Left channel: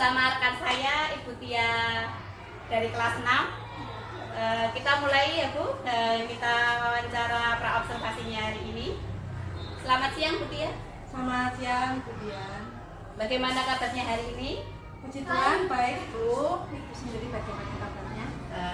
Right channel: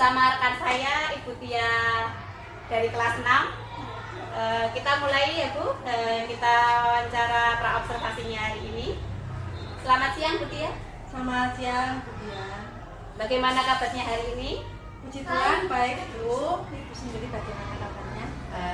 bersama rekan saya Ibu Tia dari kelas 6. Kita mulai ya Bu, kita wawancara praobservasinya hari ini. Selamat siang Bu Tia. Selamat siang Bu Dian. Bagaimana kabarnya hari ini? Puji Tuhan baik Bu. Ibu sendiri bagaimana kabarnya?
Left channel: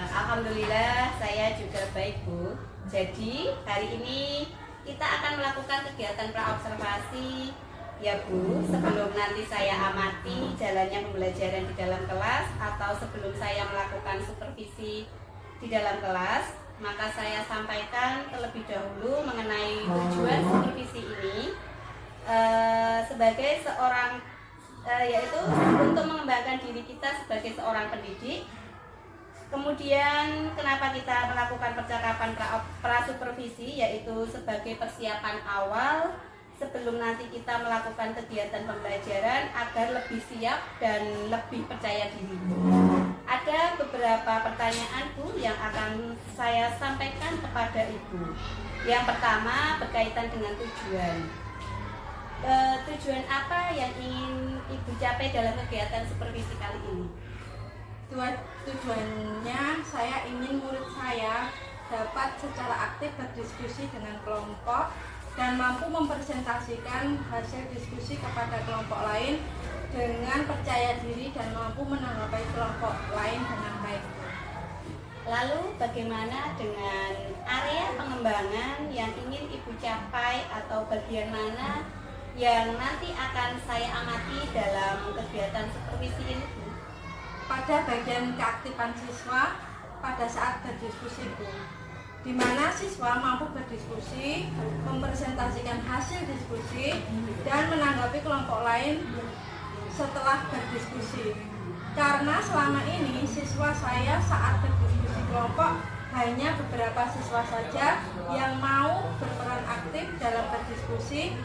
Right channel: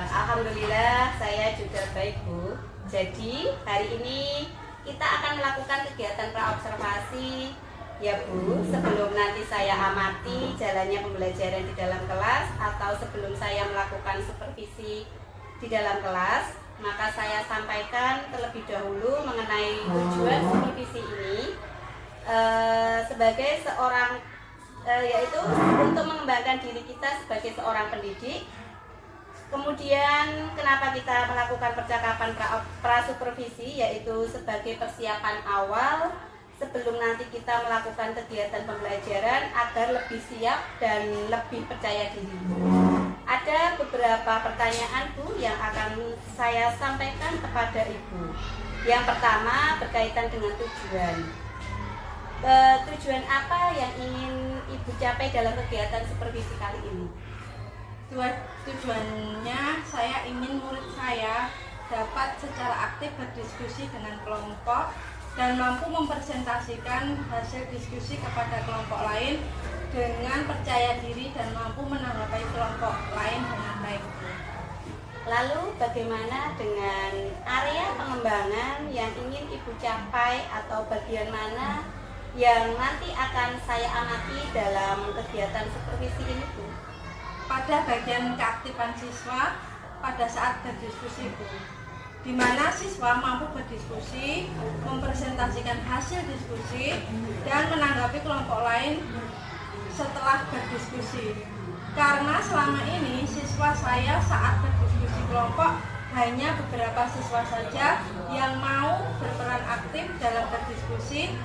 Alhamdulillah saya juga baik Bu. Jadi hari ini kita akan melakukan kegiatan praobservasi ya Bu. Sebelum nanti saya amati jalannya pembelajaran di dalam kelas atau sebelum saya melakukan supervisi di dalam kelas, maka saya sampaikan terlebih dahulu mengenai tujuan supervisi ini sebagai seorang yaitu untuk mengembangkan diri kita sebagai seorang pendidik. Kemudian kenapa kita melakukan percakapan prasupervisi, yaitu sebagai persiapan awal sebelum nanti kita melakukan kegiatan pembelajaran agar lebih siap dan lebih percaya diri. Ada beberapa pertanyaan Bu yang akan saya sampaikan kepada Ibu. Yang pertama berkaitan dengan tujuan. Tujuan apa yang ingin Ibu capai dalam kegiatan supervisi kali ini? Tujuannya saya ingin murid saya dapat secara aktif berdiskusi dengan kelompok dan mampu mempresentasikan hasil diskusi kepada kelompok lain dengan percaya diri dan mampu menanggapi kelompok lain dengan baik. Lalu bagaimana dengan area pengembangan yang ingin Ibu capai atau bagian mana yang nanti akan saya amati dalam kegiatan supervisi ini Bu? Pada bagian keaktifan siswa pada saat berdiskusi Bu, di mana siswa mampu berdiskusi, mempresentasikan hasil diskusi, dan menanggapi kelompok lain setelah berdiskusi. Karena selama ini siswa saya saat berdiskusi kelompok hanya beberapa siswa saja yang mau berperan aktif dalam berdiskusi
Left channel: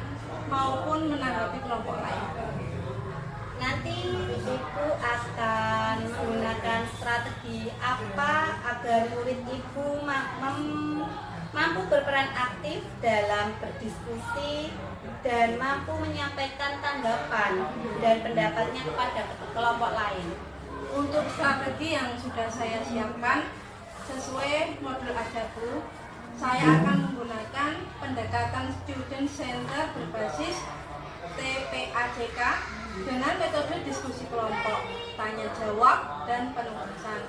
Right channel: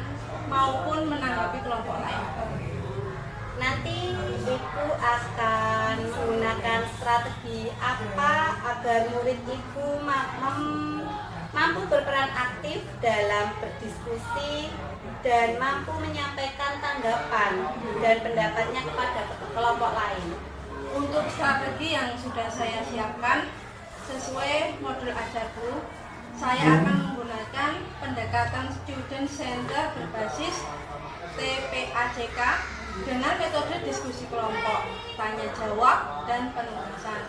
maupun menanggapi kelompok lain. Nanti Ibu akan menggunakan strategi apa agar murid Ibu mampu berperan aktif dalam berdiskusi dan mampu menyampaikan tanggapan dan pendapatnya kepada kelompok lain. Untuk strategi yang sudah saya siapkan sesuai modul Ajabu, saya akan menggunakan pendekatan student center berbasis TPACK dengan metode diskusi kelompok, tanya jawab, dan penugasan.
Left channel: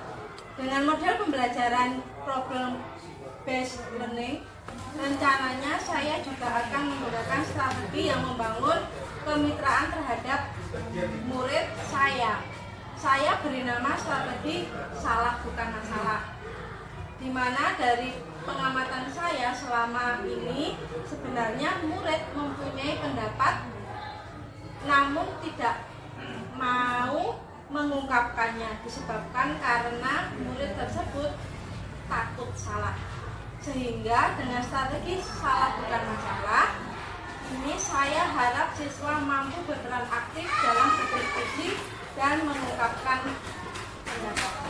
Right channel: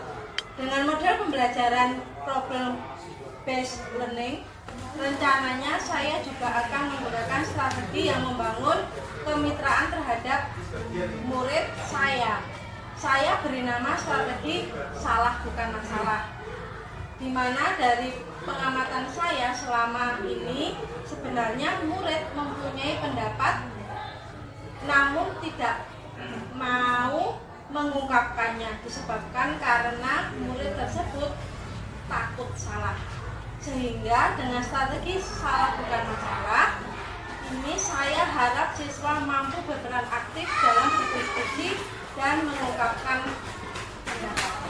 Dengan model pembelajaran problem based learning, rencananya saya juga akan menggunakan strategi yang membangun kemitraan terhadap murid saya. Saya beri nama strategi salah bukan masalah, di mana dari pengamatan saya selama ini sebenarnya murid mempunyai pendapat namun tidak mau mengungkapkannya disebabkan karena murid tersebut takut salah. Sehingga dengan strategi salah bukan masalah ini saya harap siswa mampu berperan aktif dalam berdiskusi dan mengungkapkan pendapatnya.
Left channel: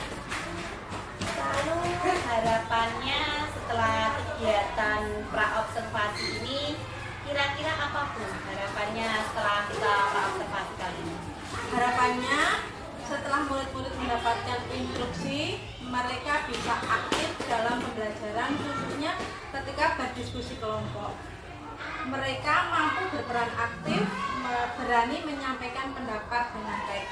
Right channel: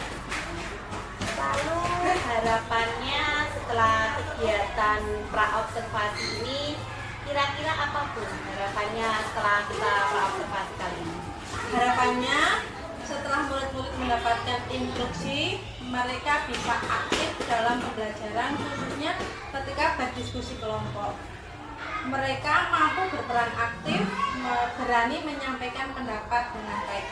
Lalu harapannya setelah kegiatan praobservasi ini kira-kira apa Bu harapannya setelah kita praobservasi kali ini? Harapannya setelah murid-murid mendapatkan instruksi, mereka bisa aktif dalam pembelajaran khususnya ketika berdiskusi kelompok. Mereka mampu berperan aktif, berani menyampaikan pendapat dengan baik.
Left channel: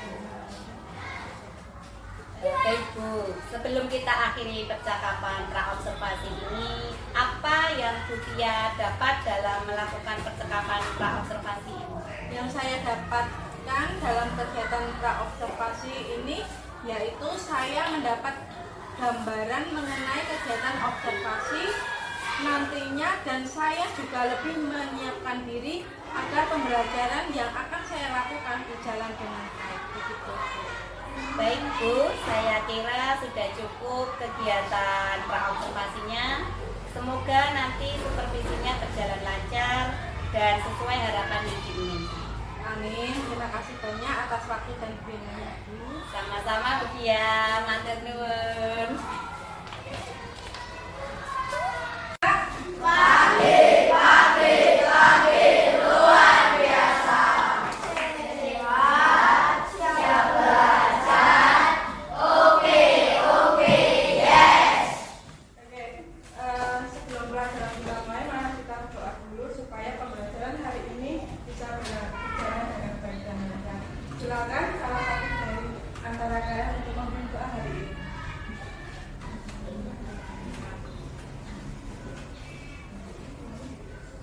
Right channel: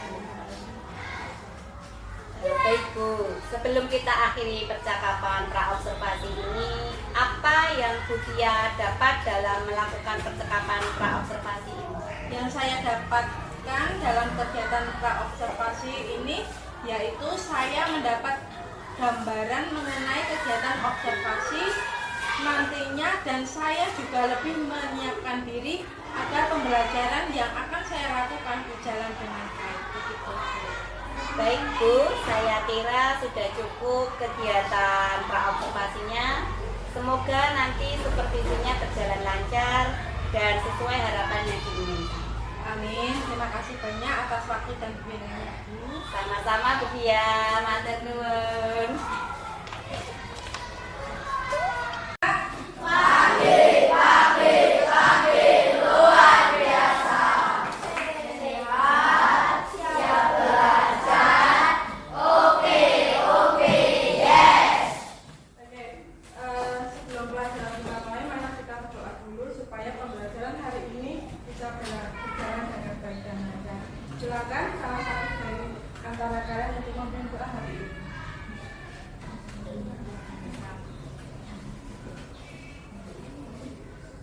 Baik Bu, sebelum kita akhiri percakapan praobservasi ini, apa yang Bu Tia dapat dalam melakukan percakapan praobservasi ini? Yang saya dapatkan dalam kegiatan praobservasi ini yaitu saya mendapat gambaran mengenai kegiatan observasi nantinya dan saya juga lebih menyiapkan diri agar pembelajaran yang akan saya lakukan berjalan dengan baik. Begitu. Baik Bu, saya kira sudah cukup kegiatan praobservasinya. Semoga nanti supervisinya berjalan lancar dan sesuai harapan yang diinginkan. Amin. Terima kasih banyak atas waktu dan bimbingannya Bu. Sama-sama Bu Tia, matur nuwun. luar biasa. Siapa antara kalian untuk memimpin doa hari ini.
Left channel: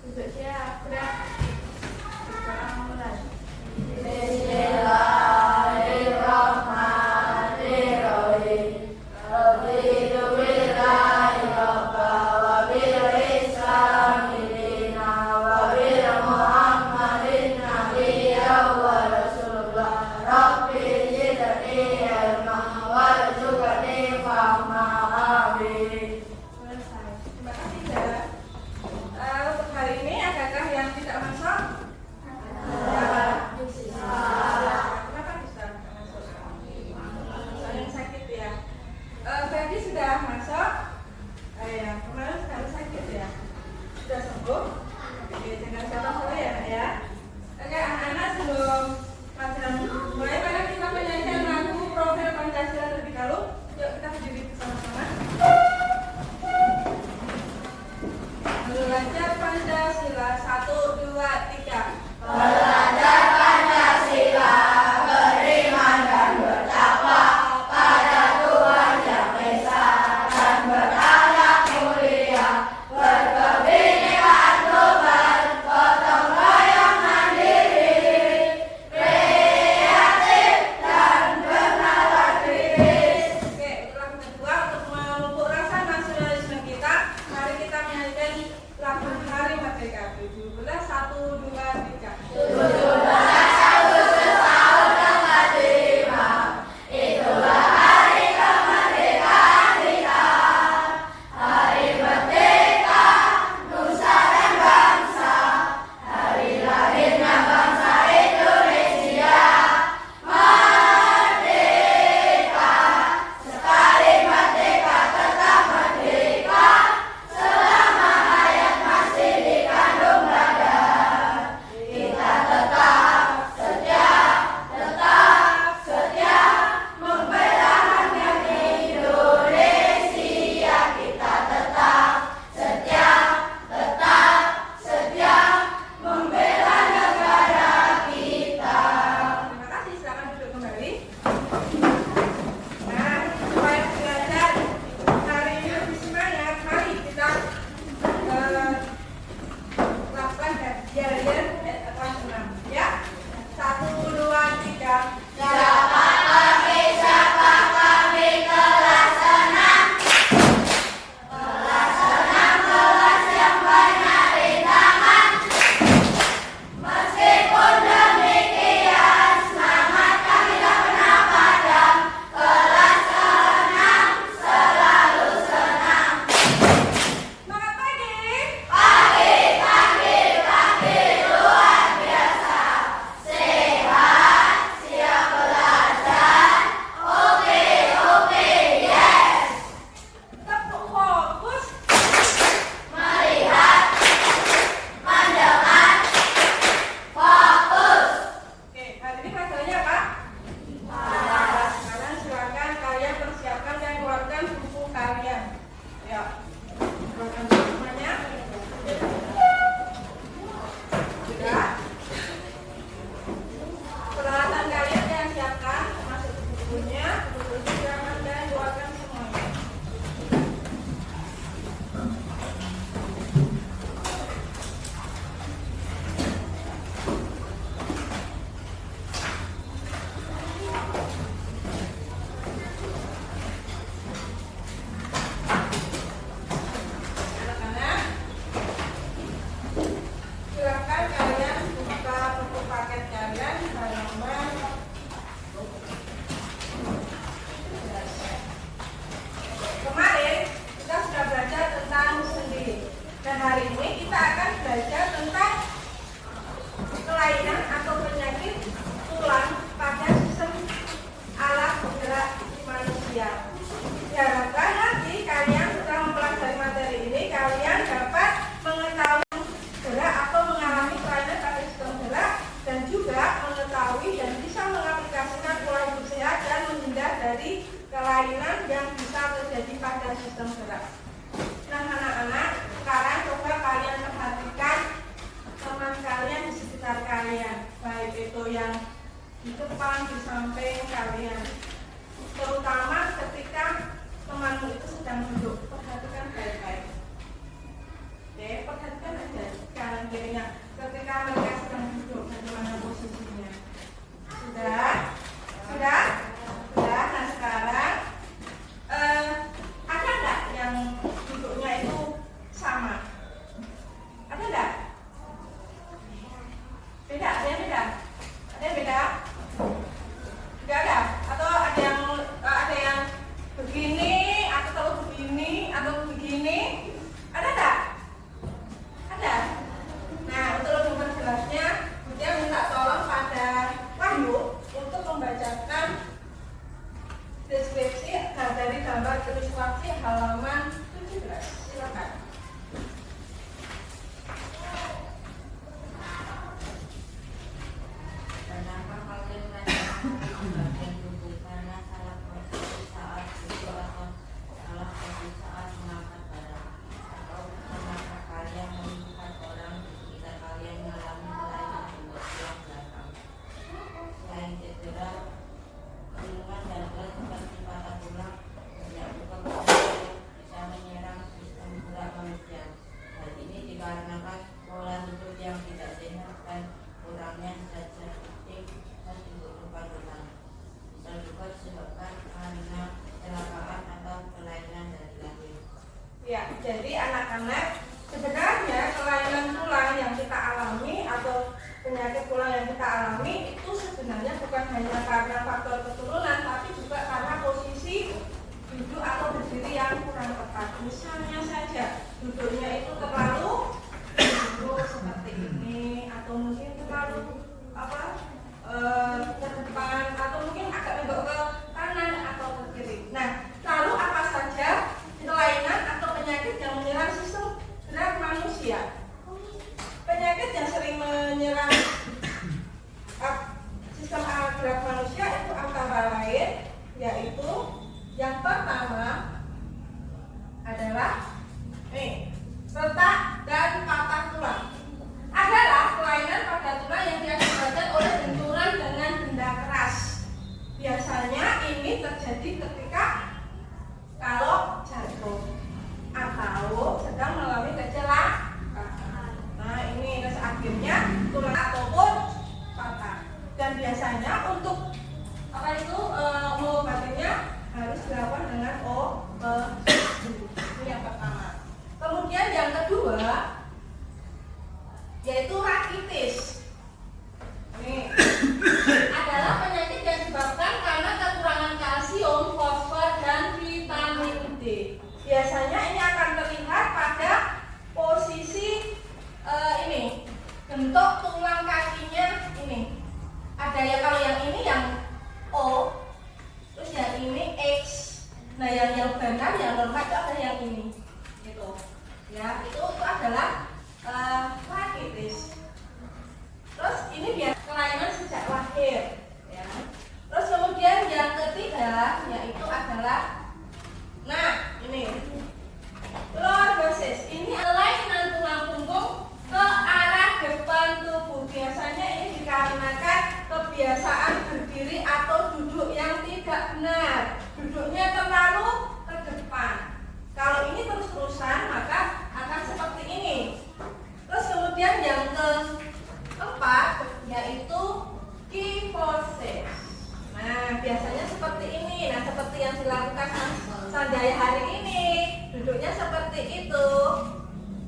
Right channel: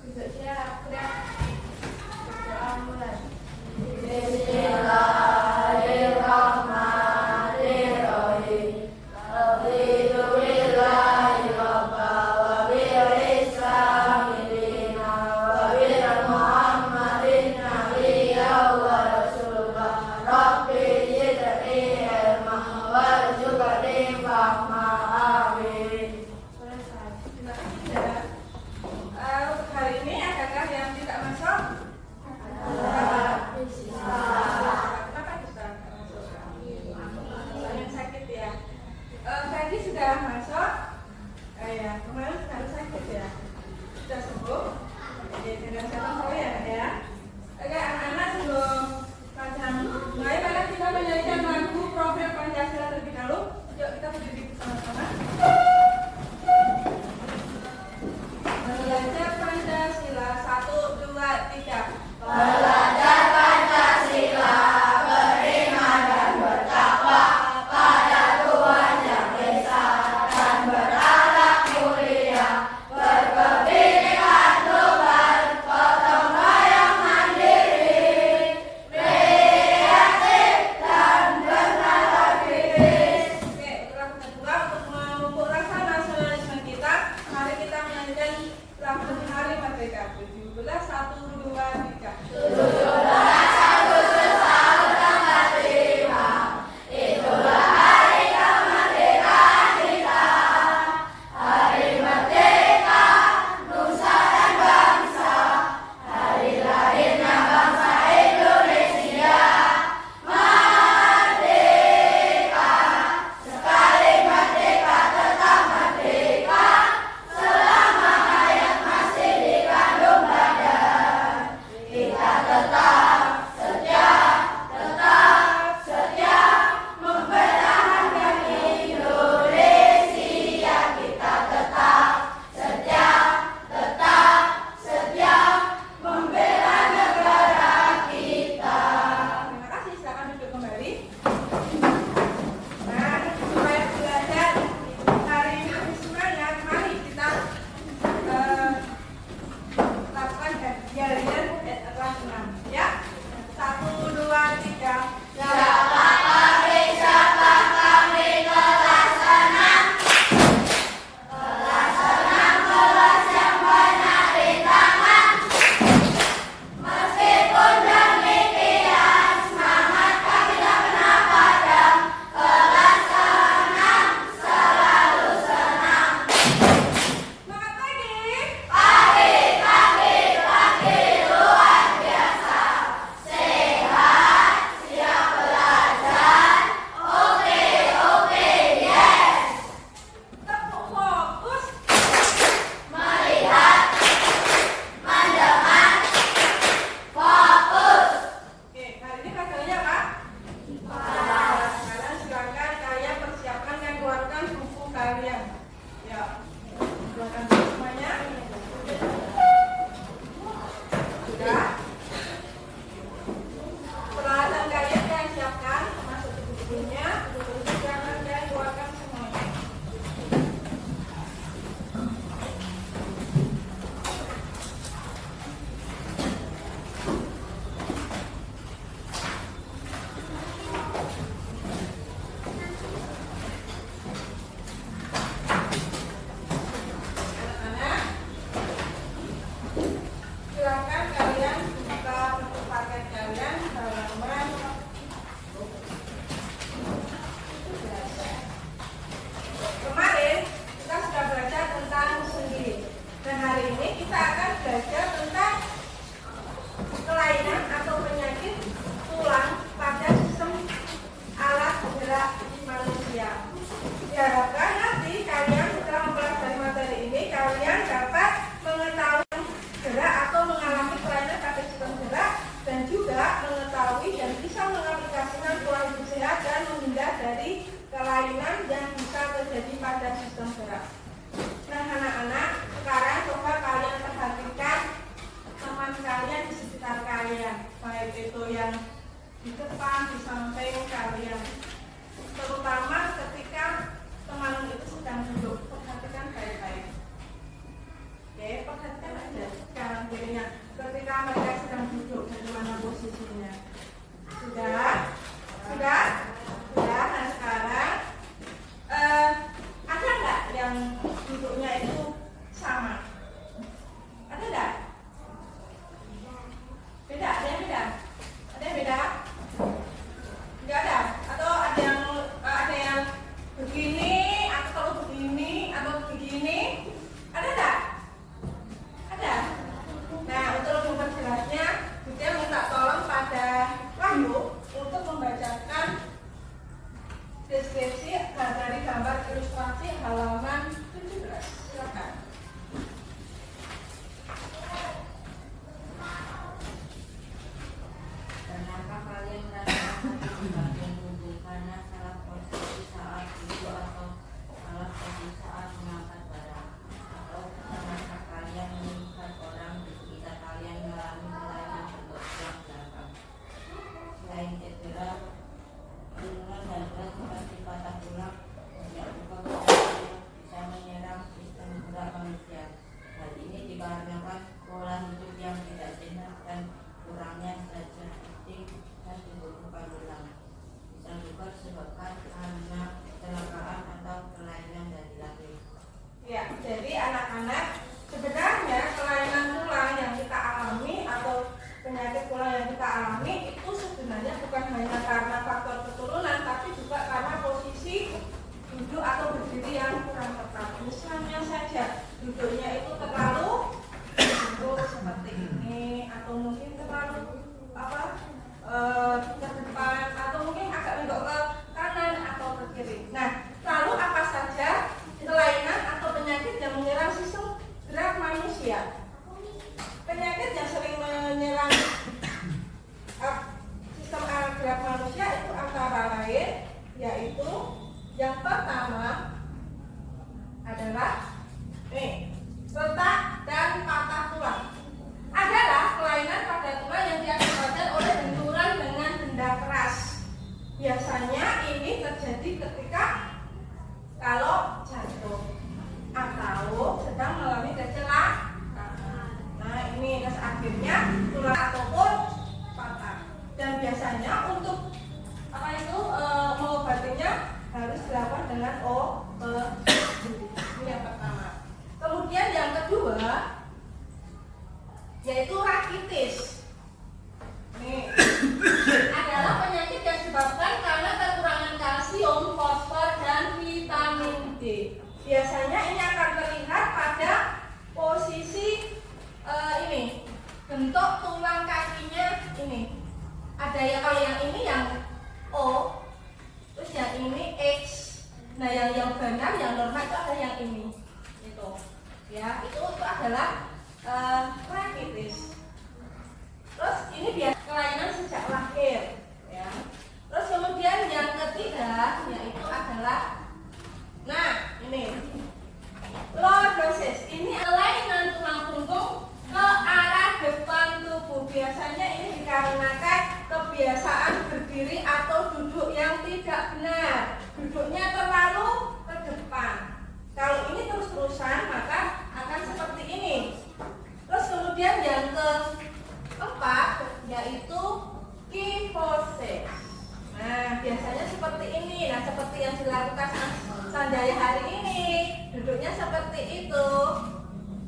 Untuk siap, udah. Doa mulai. Terima kasih ya. Untuk hari ini adakah yang tidak masuk? Kenapa bisa tidak masuk? Soalnya sakit ya. Tadi sudah masuk. Ya, kemarin harus sakit ya. Sudah sembuh. Oke, tinggal saya ya. Oke, anak-anak sebelum pelajaran mulai, mari kita menyanyikan lagu Profil Pancasila terlebih dahulu. Yuk kita berdiri bersama-sama. Belajar Pancasila 1, 2, 3. Belajar Pancasila, beriman dan bertakwa pada Tuhan Yang Esa dan berakhlak mulia, berkebinekaan global, gotong royong mandiri, kreatif dan bernalar kritis. Oke, untuk lagu kedua, untuk memupuk rasa nasionalisme kita, mari kita menyanyikan lagu Hari Merdeka 17, 1, 2, 3. 17 Agustus tahun 45, itulah hari kemerdekaan kita. Hari merdeka, nusa dan bangsa, hari lahirnya bangsa Indonesia. Merdeka, sekali merdeka tetap merdeka, selama hayat masih dikandung badan. Kita tetap setia membela rakyat Indonesia. Kita tetap setia membela negara kita. Terima kasih, silakan duduk kembali. Nah, supaya belajar hari ini lebih semangat, mari kita lakukan harian kelas 6 ya. 1, 2, 3. Siapa kami kelas 6. Kelas 6 kelas yang banyak rintangan. Meskipun demikian semangat kami tak pernah padam. Kelas 6 selalu senang. Semangat pagi. Pagi luar biasa. Sehat, siap belajar. Oke, yes. Tetap fokus. Melihat, mendengar, fokus. Oke, hari ini pelajarannya apa? Kalian silakan kalian persiapkan dan keluarkan buku kalian. Ya, keluarkan buku semuanya. Sudah. Peralatan kalian siapkan, masuk ke bukunya, silakan dan keluarkan semuanya. Anak-anak, silakan kalian buka buku paket kalian halaman. Kemarin kita sudah belajar tentang sendi, dan hari ini kita akan belajar tentang kelainan atau penyakit tulang pada sistem alat gerak manusia. Diharapkan nanti kalian setelah mempelajari materi ini, kalian dapat mengetahui gerak atau mengalami kelainan pada sistem gerak, dan juga mengetahui dan bisa mengaplikasikan pola hidup sehat dan menghindar dari kelainan yang bisa terjadi pada sistem gerak. Nah, anak-anak, sekarang coba kalian perhatikan teman kalian di sekitar kalian, baik itu yang di depan, di samping kalian. gambar ilustrasi halaman 17. Silakan. Kenapa kalian merasakan bagian tubuh karena salah posisi saat duduk atau salah posisi saat mengangkat barang, atau karena kalian melihat orang di sekitar kalian mengalami kelainan tubuh yang belakang. Selain cedera, kandungan dan berat seperti patah tulang, banyak juga penyakit yang bisa menyerang sistem gerak manusia. Hal ini dikarenakan pola hidup yang tidak sehat dan kurangnya zat aktif dan dibutuhkan tulang. Bisa juga disebabkan karena kecelakaan atau kelainan dari lahir. Ya, jadi anak-anak, sebenarnya kelainan tulang yang kita alami atau penyakit tulang yang kita alami itu sebenarnya bukan hanya karena faktor keturunan, tapi juga karena posisi duduk atau berdiri yang kurang tepat. Misalnya saja duduknya itu terlalu duduk seperti ini, atau mungkin terlalu ke depan, atau mungkin agak menggok ke kanan atau ke kiri. Nah, lalu apa saja kelainan atau penyakit yang menyerang sistem gerak manusia? Penyakit yang sering menyerang sistem gerak manusia itu antara lain, yaitu yang pertama adalah retak dan patah tulang. Adalah kelainan pada tulang yang diakibatkan oleh benturan dengan benda keras. Biasanya ini terjadi ketika kalau jatuh atau sedang mengalami kecelakaan. Nah, ini terus akhirnya tulang ataupun patah. Dan biasanya untuk mengobatinya harus dilakukan dengan ini yang pertama. Kemudian yang kedua yaitu rakitis. Ini adalah penyakit yang disebabkan karena kekurangan kalsium, fosfor, dan vitamin D. Biasanya ini akan terlihat pada posisi ini, bentuk tulang kakinya ini. Ada yang kalau yang ini yang O, terus yang ini X. Nah, yang benar, yang normal itu ada yang ini. Itu, ya, itu adalah rakitis. Terus ini biar kelainan sejak lahir, ya. Terus kemudian yang ketiga yaitu adalah, nah ini lordosis. Ini kelainan tulang punggung ke arah depan tubuh. Biasanya ini dikarenakan kebiasaan berdiri atau duduk yang tidak benar. Duduknya terlalu ke depan. Kalau ini terus-terusan maka akan seperti ini. Terus kemudian yang keempat yaitu kifosis. Nah, biasanya seperti ini. Nah, seperti yang dilakukan Mas Sanjaya hari ini, duduknya seperti itu.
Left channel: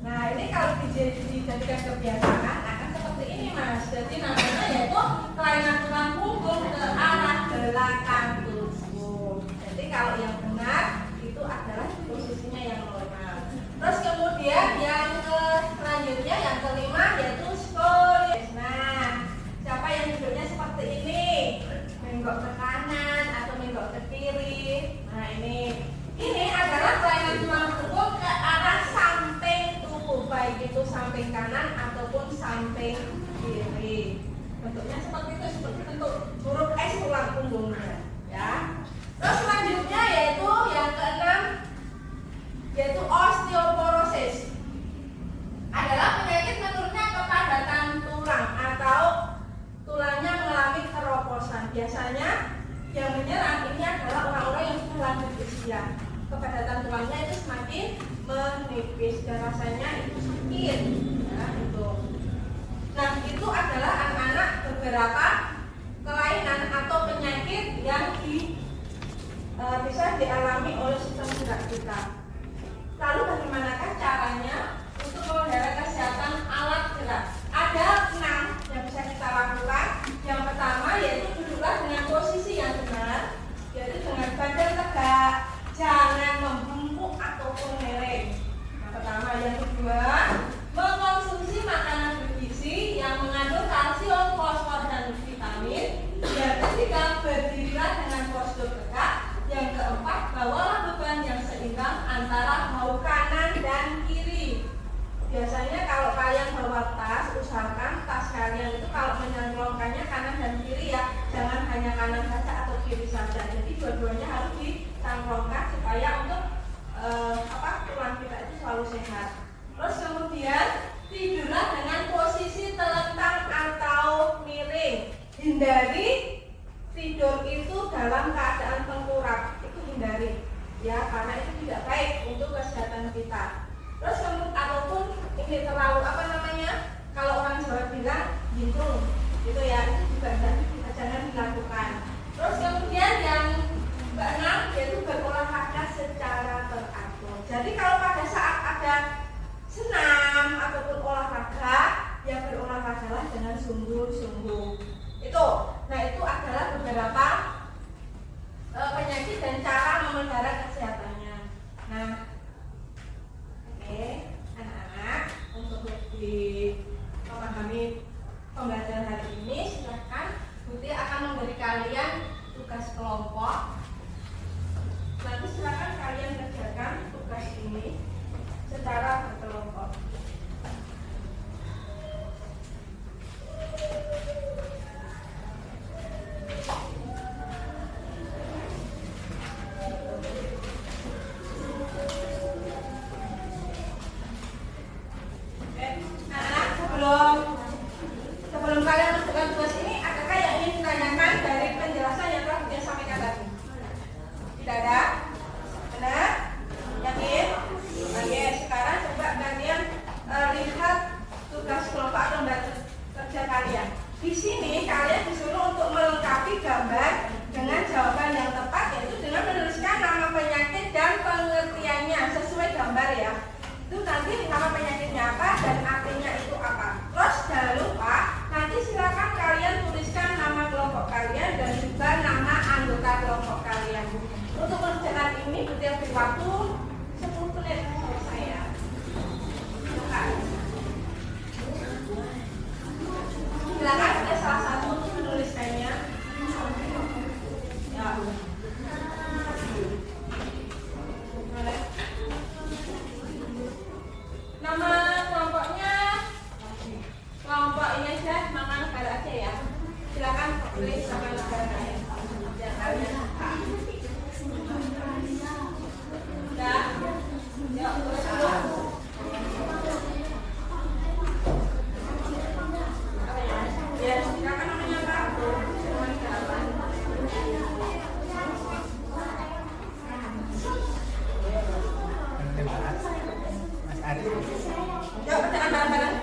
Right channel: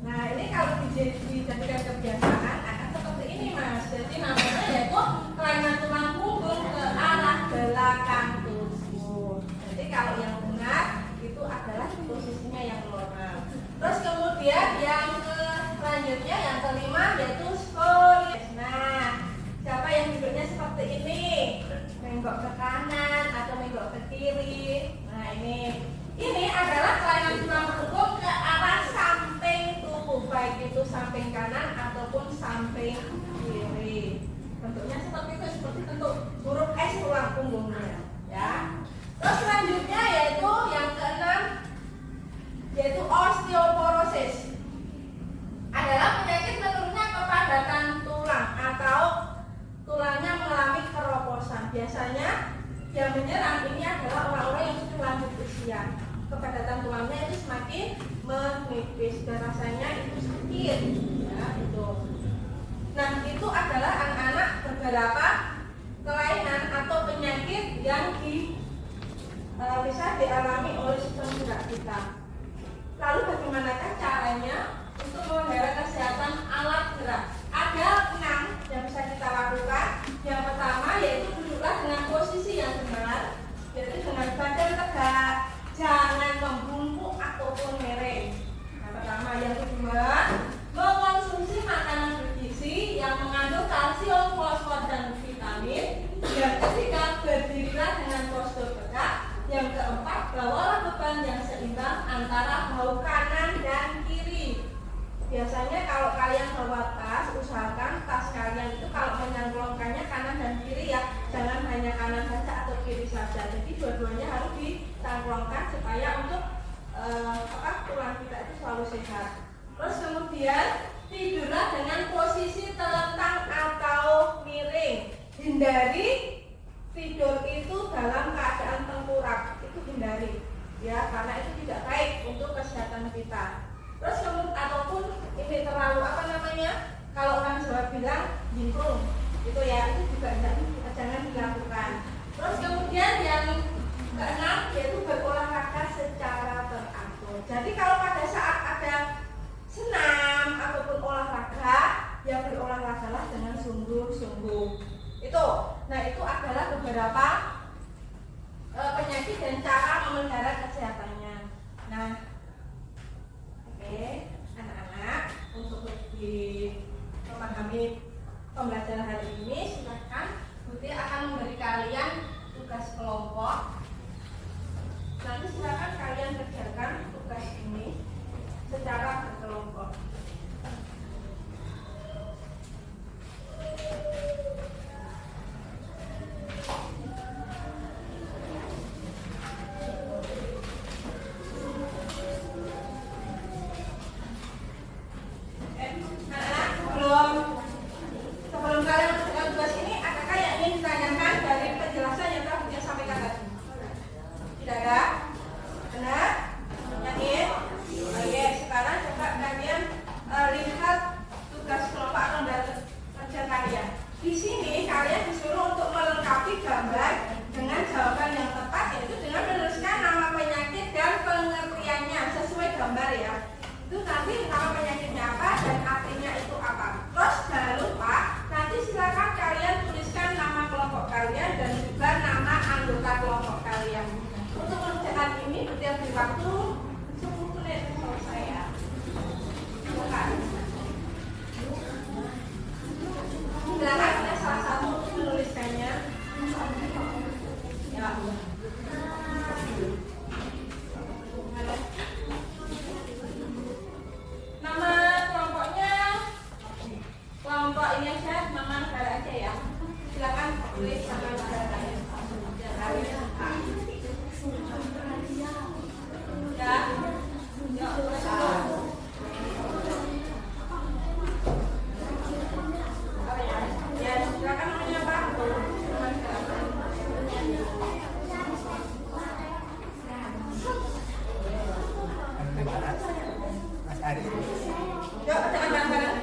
Nah, ini kalau dijadikan kebiasaan akan seperti ini, Mas. Jadi namanya yaitu kelainan tulang punggung ke arah belakang tubuh. Jadi kalau yang benar itu adalah posisinya yang normal. Terus kemudian yang selanjutnya yang kelima yaitu skoliosis. Nah, siapa yang duduknya seperti ini, menggok ke kanan atau menggok ke kiri. Nah, ini adalah kelainan tulang punggung ke arah samping tubuh, baik itu samping kanan ataupun samping kiri. Bentuknya seperti itu, seperti bentuk huruf S tulang punggungnya, ya. Terus selanjutnya yaitu yang keenam yaitu osteoporosis. Adalah penyakit menurunnya kepadatan tulang atau tulangnya mengalami keroposan. Biasanya yang menyerang ini adalah orang-orang yang sudah lanjut usia. Kepadatan tulangnya itu semakin menipis dan rasanya itu sakit. Ya, itu. Nah, itu adalah anak-anak beberapa kelainan atau penyakit yang bisa dialami oleh sistem gerak kita. Lalu bagaimanakah caranya untuk memelihara kesehatan alat gerak? Ada 6 yang bisa kita lakukan. Yang pertama yaitu duduklah dengan posisi yang benar, yaitu dengan badan tegak, jangan membungkuk ataupun miring. Yang pertama. Yang kedua, mengkonsumsi makanan bergizi yang mengandung kalsium, fosfor, dan vitamin. Yang ketiga, berdirilah dengan postur tegak. Yang keempat, bawalah beban antara bahu kanan dan kiri. Biasanya kalau kalian bawa tas, usahakan tas kalian itu kalau menyangklongkannya kanan dan kiri ya, jangan hanya kanan saja atau kiri saja. Jadi dua-duanya harus dicangklongkan supaya untuk tulang kita itu selalu sehat. Terus kemudian tidurlah dengan posisi telentang atau miring. Hindari tidur itu dalam keadaan tengkurap, itu hindari ya, karena itu tidak baik untuk kesehatan kita. Terus ataupun ini terlalu kalau orang Jawa bilang jingkrung gitu ya, itu juga jangan dilakukan. Terus kemudian yang keenam yaitu berolahraga secara teratur. Jadi kalau pada saat ada senam ataupun olahraga, ya berolahragalah dengan sungguh-sungguh. Nah itu adalah beberapa penyakit dan cara memelihara kesehatannya. Nah, oke, anak-anak, untuk lebih memahami pembelajaran hari ini, silakan Buti akan memberi kalian tugas kelompok. Nanti silakan kalian kerjakan tugas ini secara berkelompok. Sebelum kalian menentukan tugas ini, adakah yang ingin ditanyakan dari penjelasan yang telah dia sampaikan tadi? Tidak ada? Benar? Yakin? Oke, sekarang coba kalian lihat tugas kelompok lembaga kerja kalian. Di sini kalian disuruh untuk melengkapi gambar dengan jawaban yang tepat, yaitu dengan menuliskan nama penyakit dan pengertiannya sesuai gambar ya. Itu nanti nama penyakitnya apa dan artinya itu apa. Terus jangan lupa nanti silakan kalian tuliskan nama kelompok kalian dan juga nama anggota kelompok kalian. Untuk mengerjakan ini butuh waktu 10 menit selesai ya. Silakan ada salah satu menuliskannya. Ya. Nama kelompoknya kelompok ini aja, nama negara aja ya. Silakan tulis nama negara ya. Ya, silakan namanya apa? Yuk, jangan bareng-bareng.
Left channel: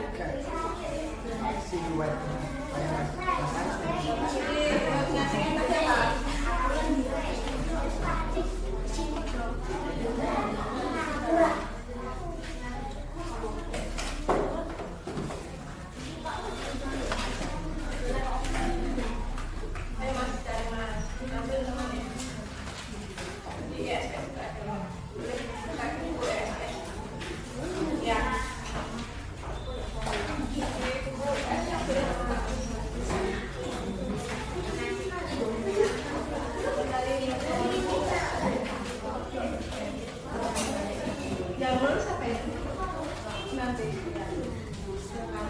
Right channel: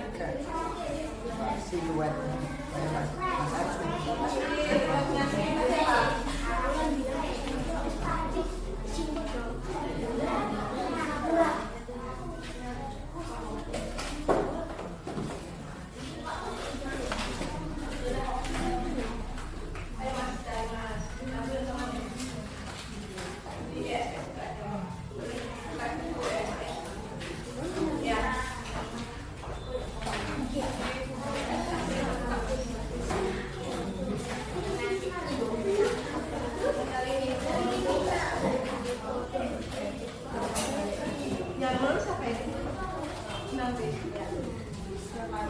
Yang lulus apa itu? Nanti ya. Silakan.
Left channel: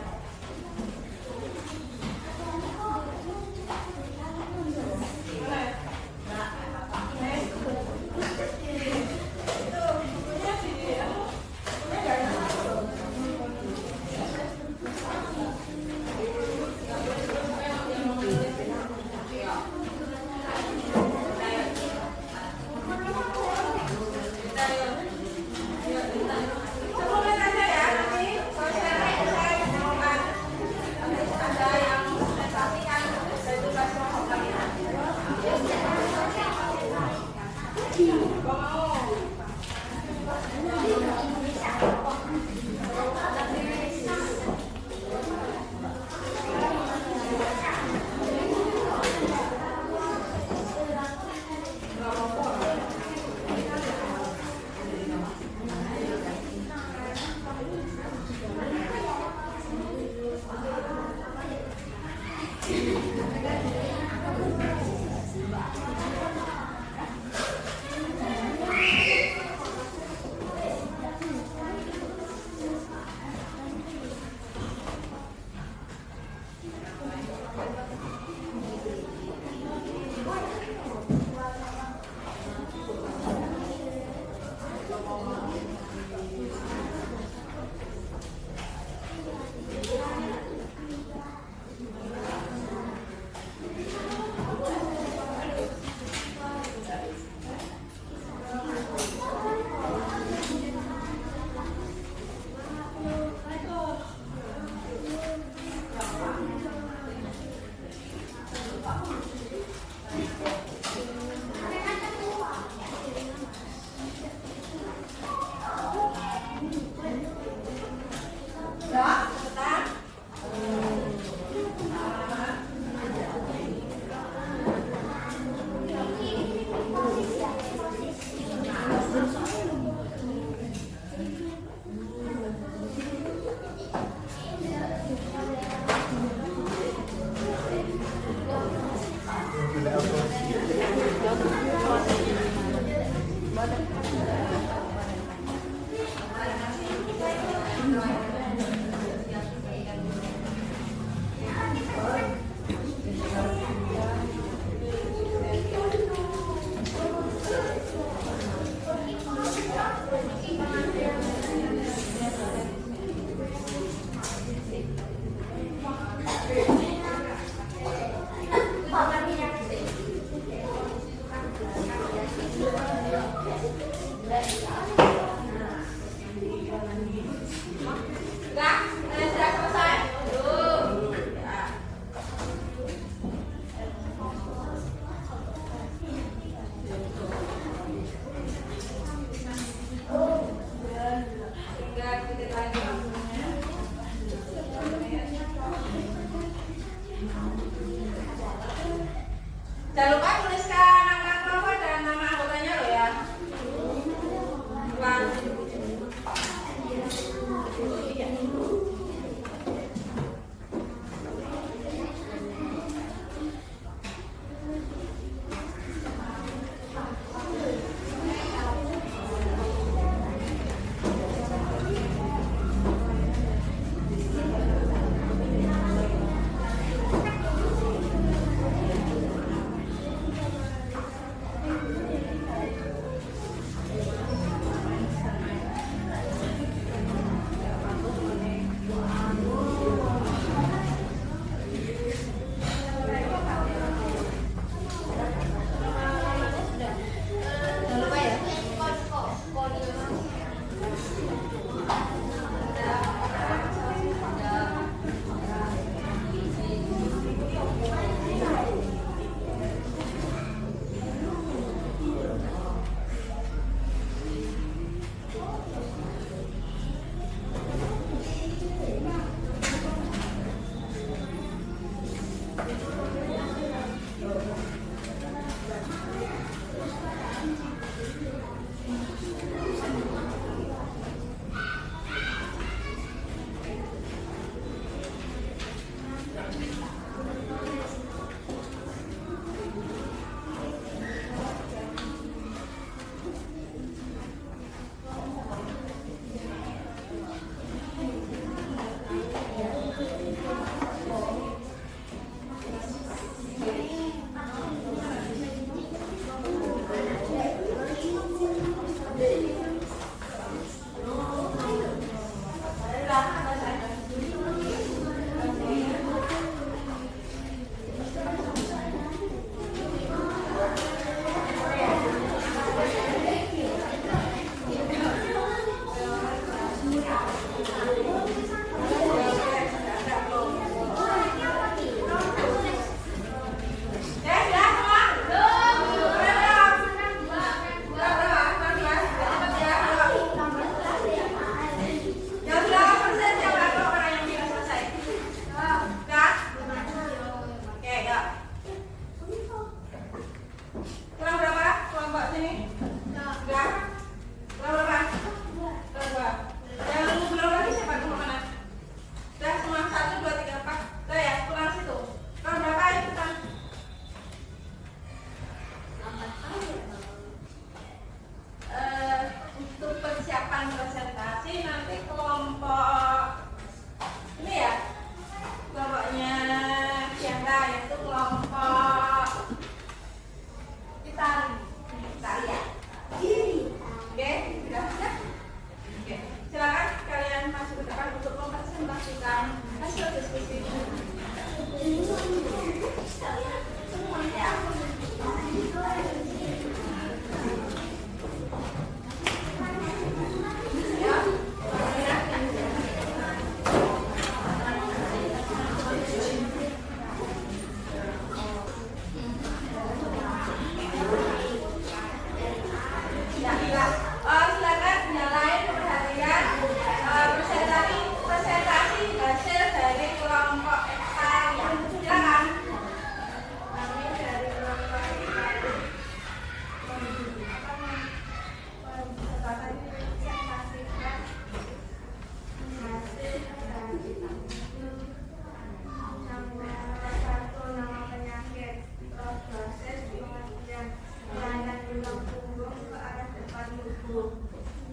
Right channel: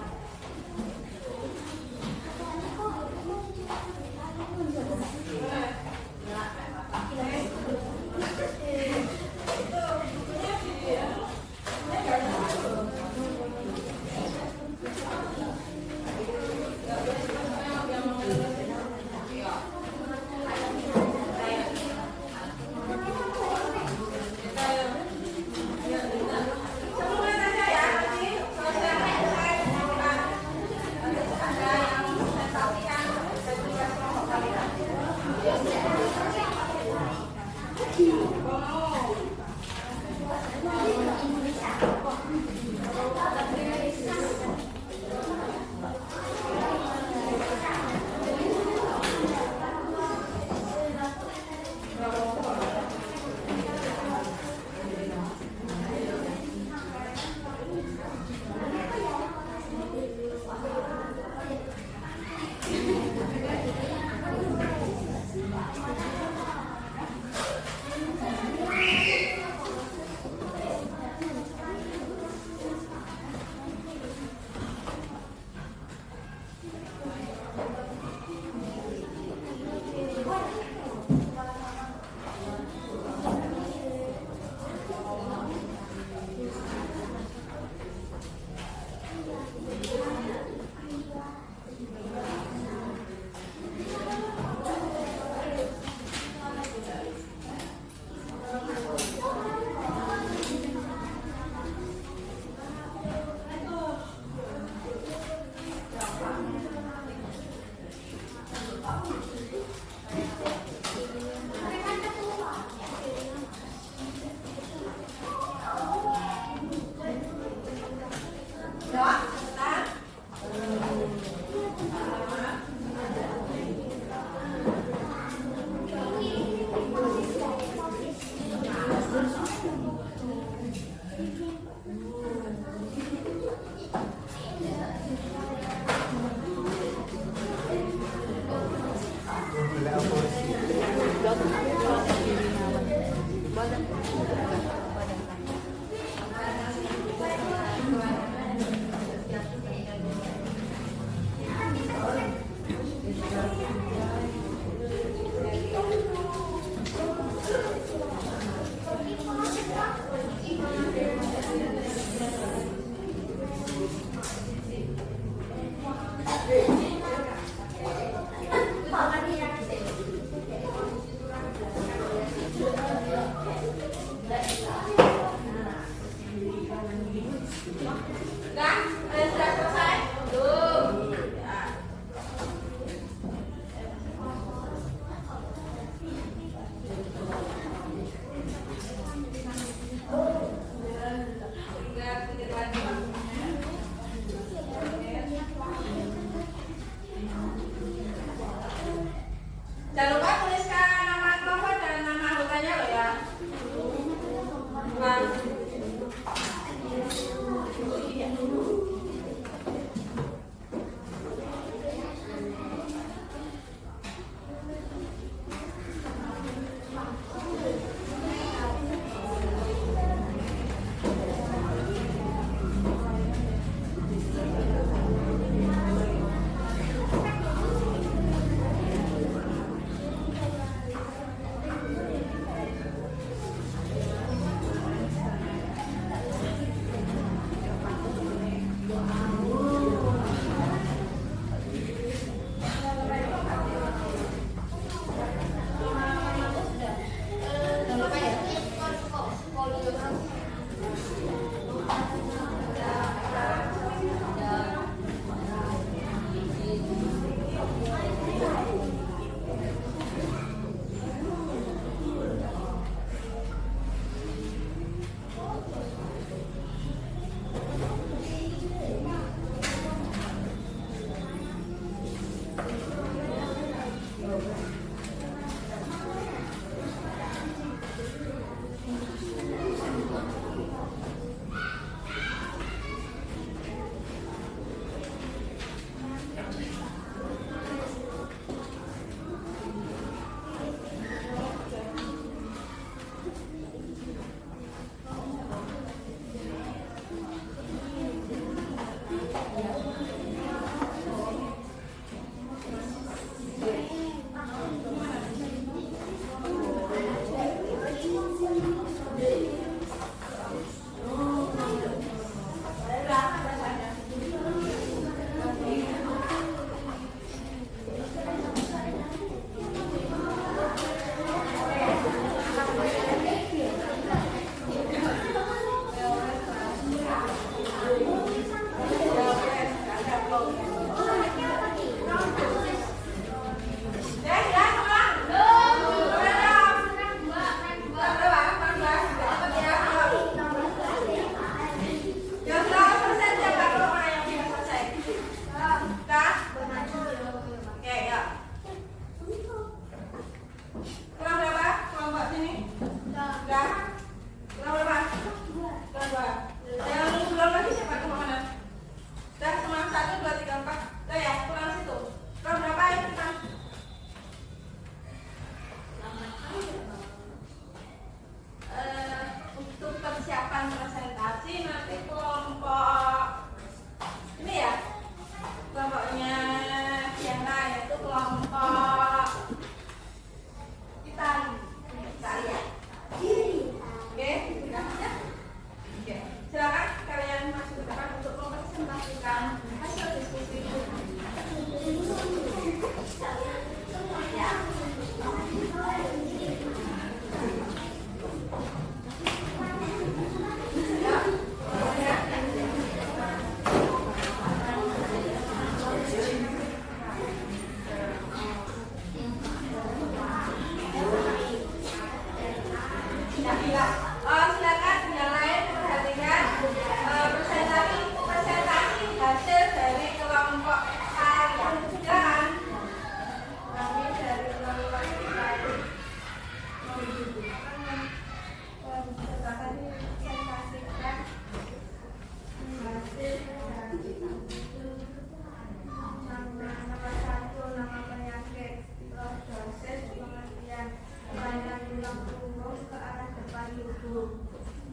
tubuh.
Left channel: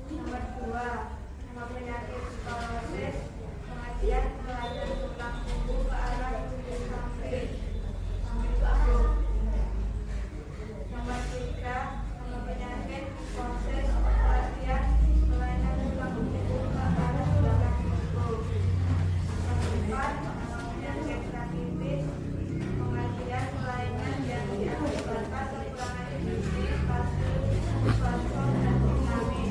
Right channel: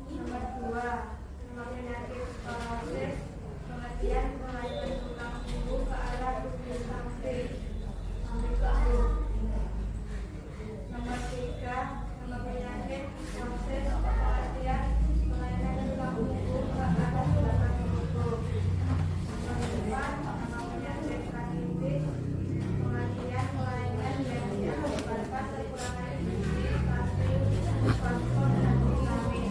Nomor 2, nama penyakit sklerosis, pengertian kelainan tulang punggung ke arah tubuh samping sampai ke akut. Nomor 3, nama penyakit psikosis, pengertian kelainan tulang punggung ke arah belakang tubuh. Nomor 4, nama penyakit rakitis, pengertian kelainan yang diakibatkan kekurangan gizi, kalsium, fosfor, dan vitamin.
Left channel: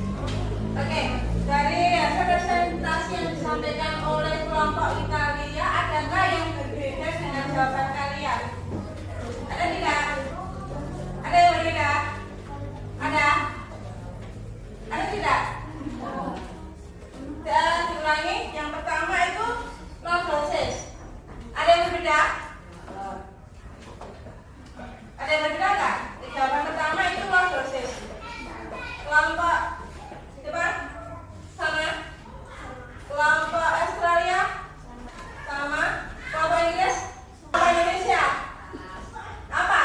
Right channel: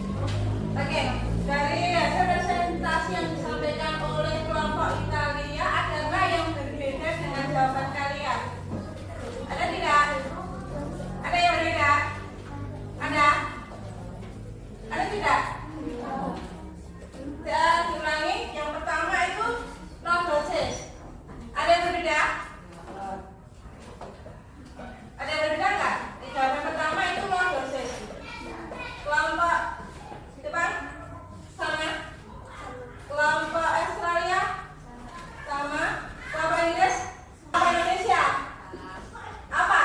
Oke, dari hasil presentasi yang disampaikan oleh kelompok Italia, ada nggak yang berbeda dengan jawaban kalian? Ada tidak? Ada yang beda? Ada? Ada tidak? Dan diulangi, yang pertama itu lordosis. Ada yang berbeda? Ada yang berbeda nggak? Jawaban pertama itu lordosis. Kelompok depan sama, kelompok Australia sama, kelompok Inggris, kelompok Indonesia apa?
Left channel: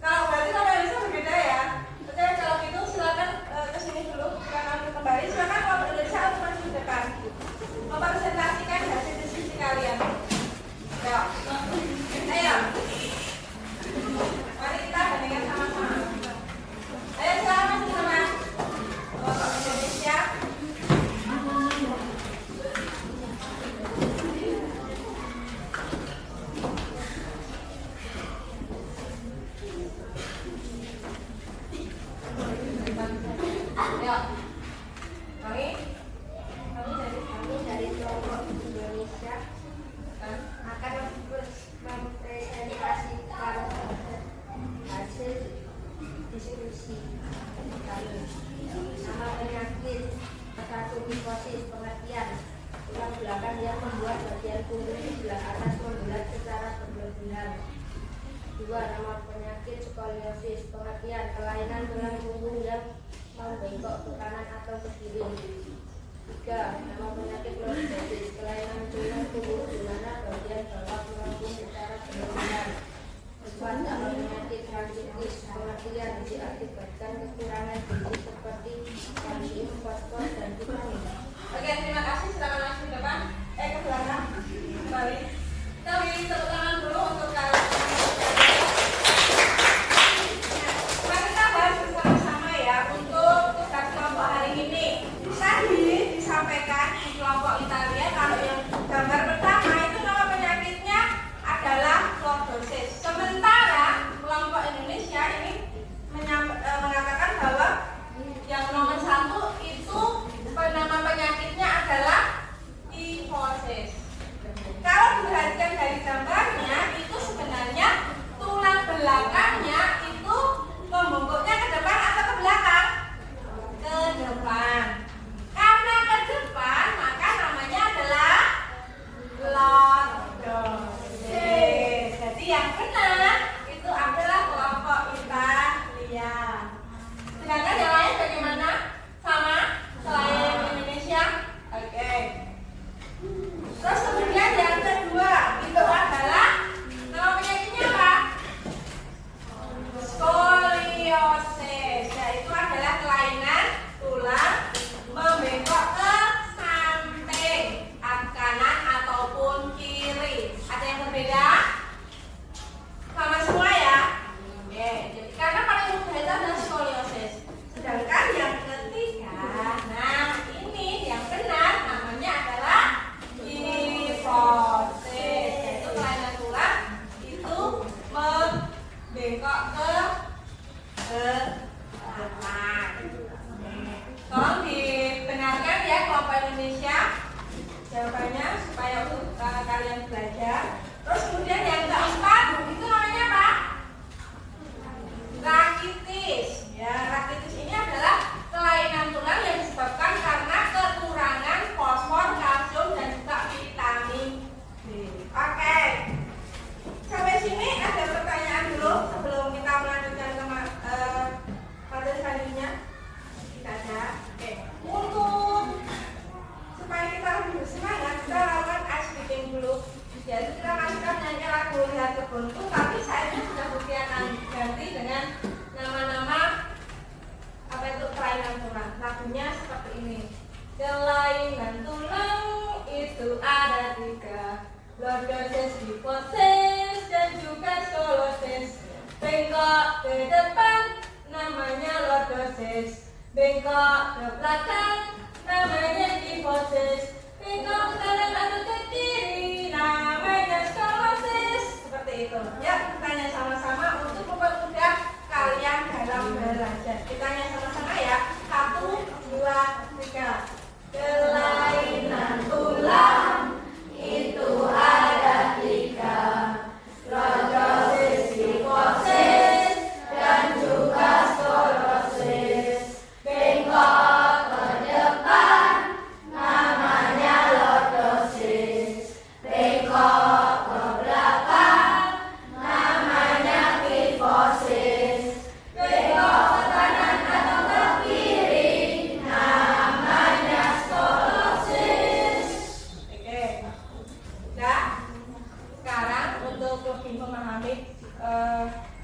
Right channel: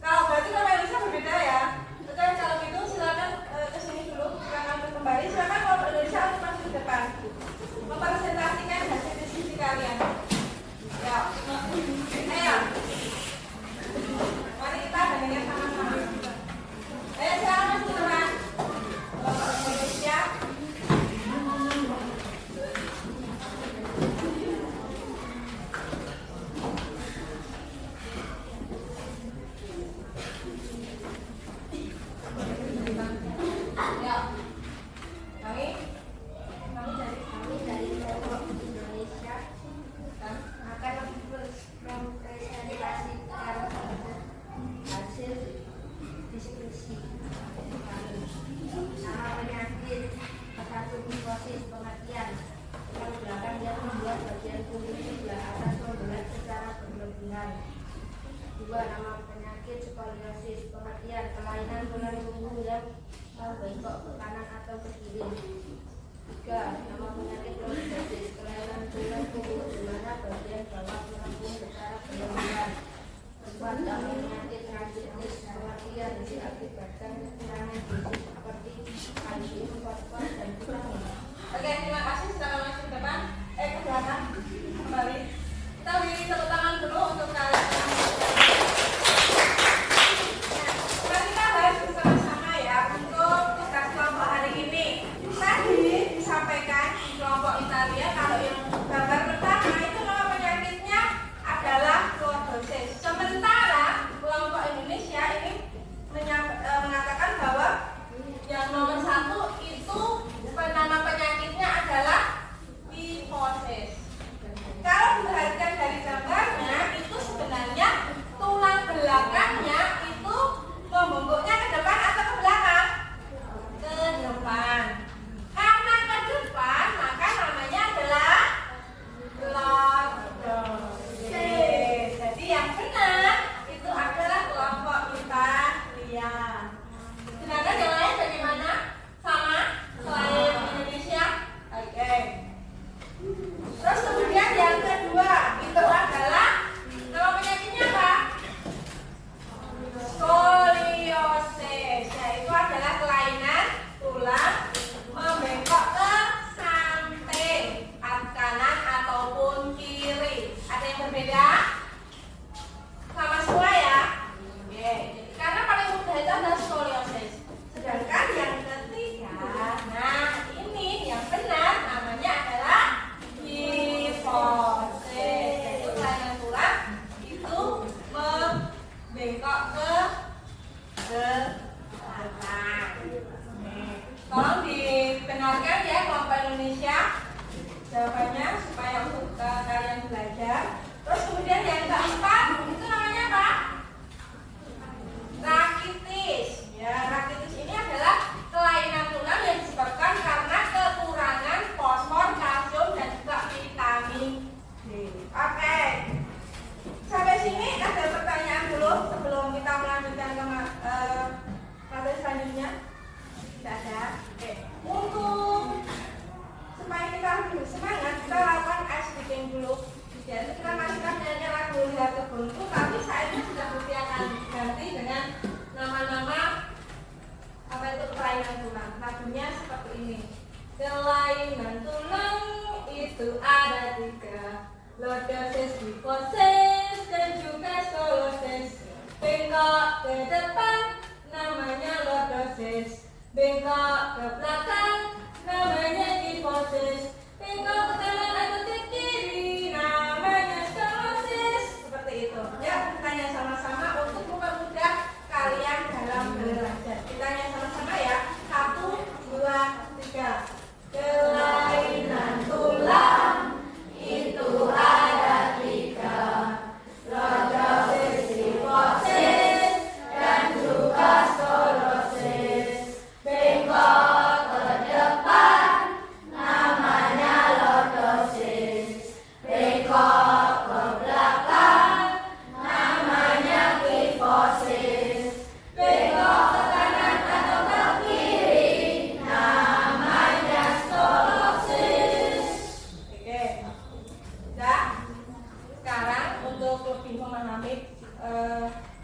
Kalau berarti kelompok Indonesia berbeda ya. Oke, kalau gitu silakan kesini dulu, silakan kembali, silakan kelompok Indonesia untuk masuk ke depan mempresentasikan hasil diskusi kalian. Ya, ayo, mari kita bandingkan sama-sama. Ayo silakan masuk ke depan. Kelompok Indonesia. Ya, kami dari kelompok Indonesia akan mempresentasikan hasil diskusi kami. Nama penyakit hepatomikosis, pengertian tulang belakang yang membuat bagian punggung sebelah atas membelah secara berlebihan. 2. Nama penyakit skoliosis, pengertian kelainan tulang punggung yang membengkok ke kanan atau ke kiri. 3. Nama penyakit lordosis, kelainan tulang punggung di mana bagian bawah melengkung secara berlebihan. 4. Nama penyakit rakitis, pengertian diakibatkan kekurangan gizi seperti kalsium, fosfor, dan vitamin. Oke, terima kasih. Silakan langsung ke depan. Ke belakang kembali. Kita beri tepuk tangan dulu untuk kalian. Mari kita bahas bersama-sama ya untuk tugas kelompok hari ini. Tadi disampaikan di kelompok Italia kalau yang gambar pertama itu nama penyakitnya adalah lordosis. Sementara kelompok Indonesia ini mengatakan bahwa yang nomor 1 itu nama penyakitnya adalah kifosis. Kalau diperhatikan dari gambarnya itu sebenarnya tulang belakangnya itu membungkuknya ke depan atau ke belakang? Ke depan. Karena ke depan maka namanya adalah lordosis. Jadi yang benar itu adalah kelompok Italia. Sedangkan yang lain bagaimana? Sama selain Indonesia? Oke. Terus kemudian yang kedua itu adalah nama penyakitnya apa? Skoliosis. Yaitu adalah kelainan tulang membengkok ke samping kanan ataupun kiri. Ada yang berbeda? Sama semua ya? Oke. Jadi karena paling mudah itu adalah skoliosis. Sedangkan yang ketiga, nah ini yang benar namanya adalah kifosis. Yaitu kelainan tulang itu membengkok ke belakang. Tolong dibenarkan ya kelompok Indonesia jawabannya supaya untuk kalian belajar. Terus kemudian yang keempat itu namanya apa? Rakitis. Ya, rakitis ini adalah kelainan tulang yang disebabkan karena kekurangan fosfor, kalsium, dan juga vitamin D. Oke. Sampai sini ada pertanyaan dulu sebelum kita melanjutkan ke materi selanjutnya. Tidak ada. Oke. Untuk supaya kita lebih semangat, kita lakukan ice breaking dulu. Jadi kita masukkan nyanyi lagu Lihat Kebunku, tapi saya sudah ganti dengan nama mainan tulang itu ada 3. Lordosis, hiposis, dan juga skolosis. Bengkok ke depan namanya lordosis, bengkok ke belakang namanya hiposis, bengkok ke kanan atau ke kiri namanya skolosis. Seperti itu. Ya, kita tanya sama-sama untuk mempermudah kalian dalam belajar. Kita tanya sama-sama ya. 1, 2, 3. Kelainan tulang itu ada 3. Lordosis, hiposis, dan juga skolosis. Bengkok ke depan namanya lordosis, bengkok ke belakang namanya hiposis, bengkok ke kanan atau ke kiri namanya skolosis. Oke, ya. Sekarang untuk lebih memahami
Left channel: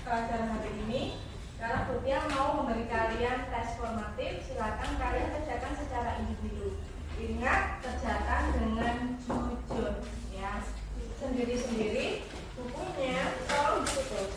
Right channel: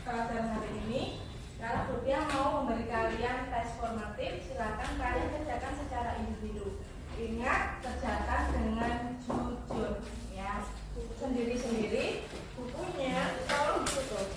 pelajaran hari ini, kalau Butia mau memberi kalian tes formatif, silakan kalian kerjakan secara individu. Ingat, kerjakan dengan jujur, ya. Sendiri-sendiri, bukunya tolong ditutup.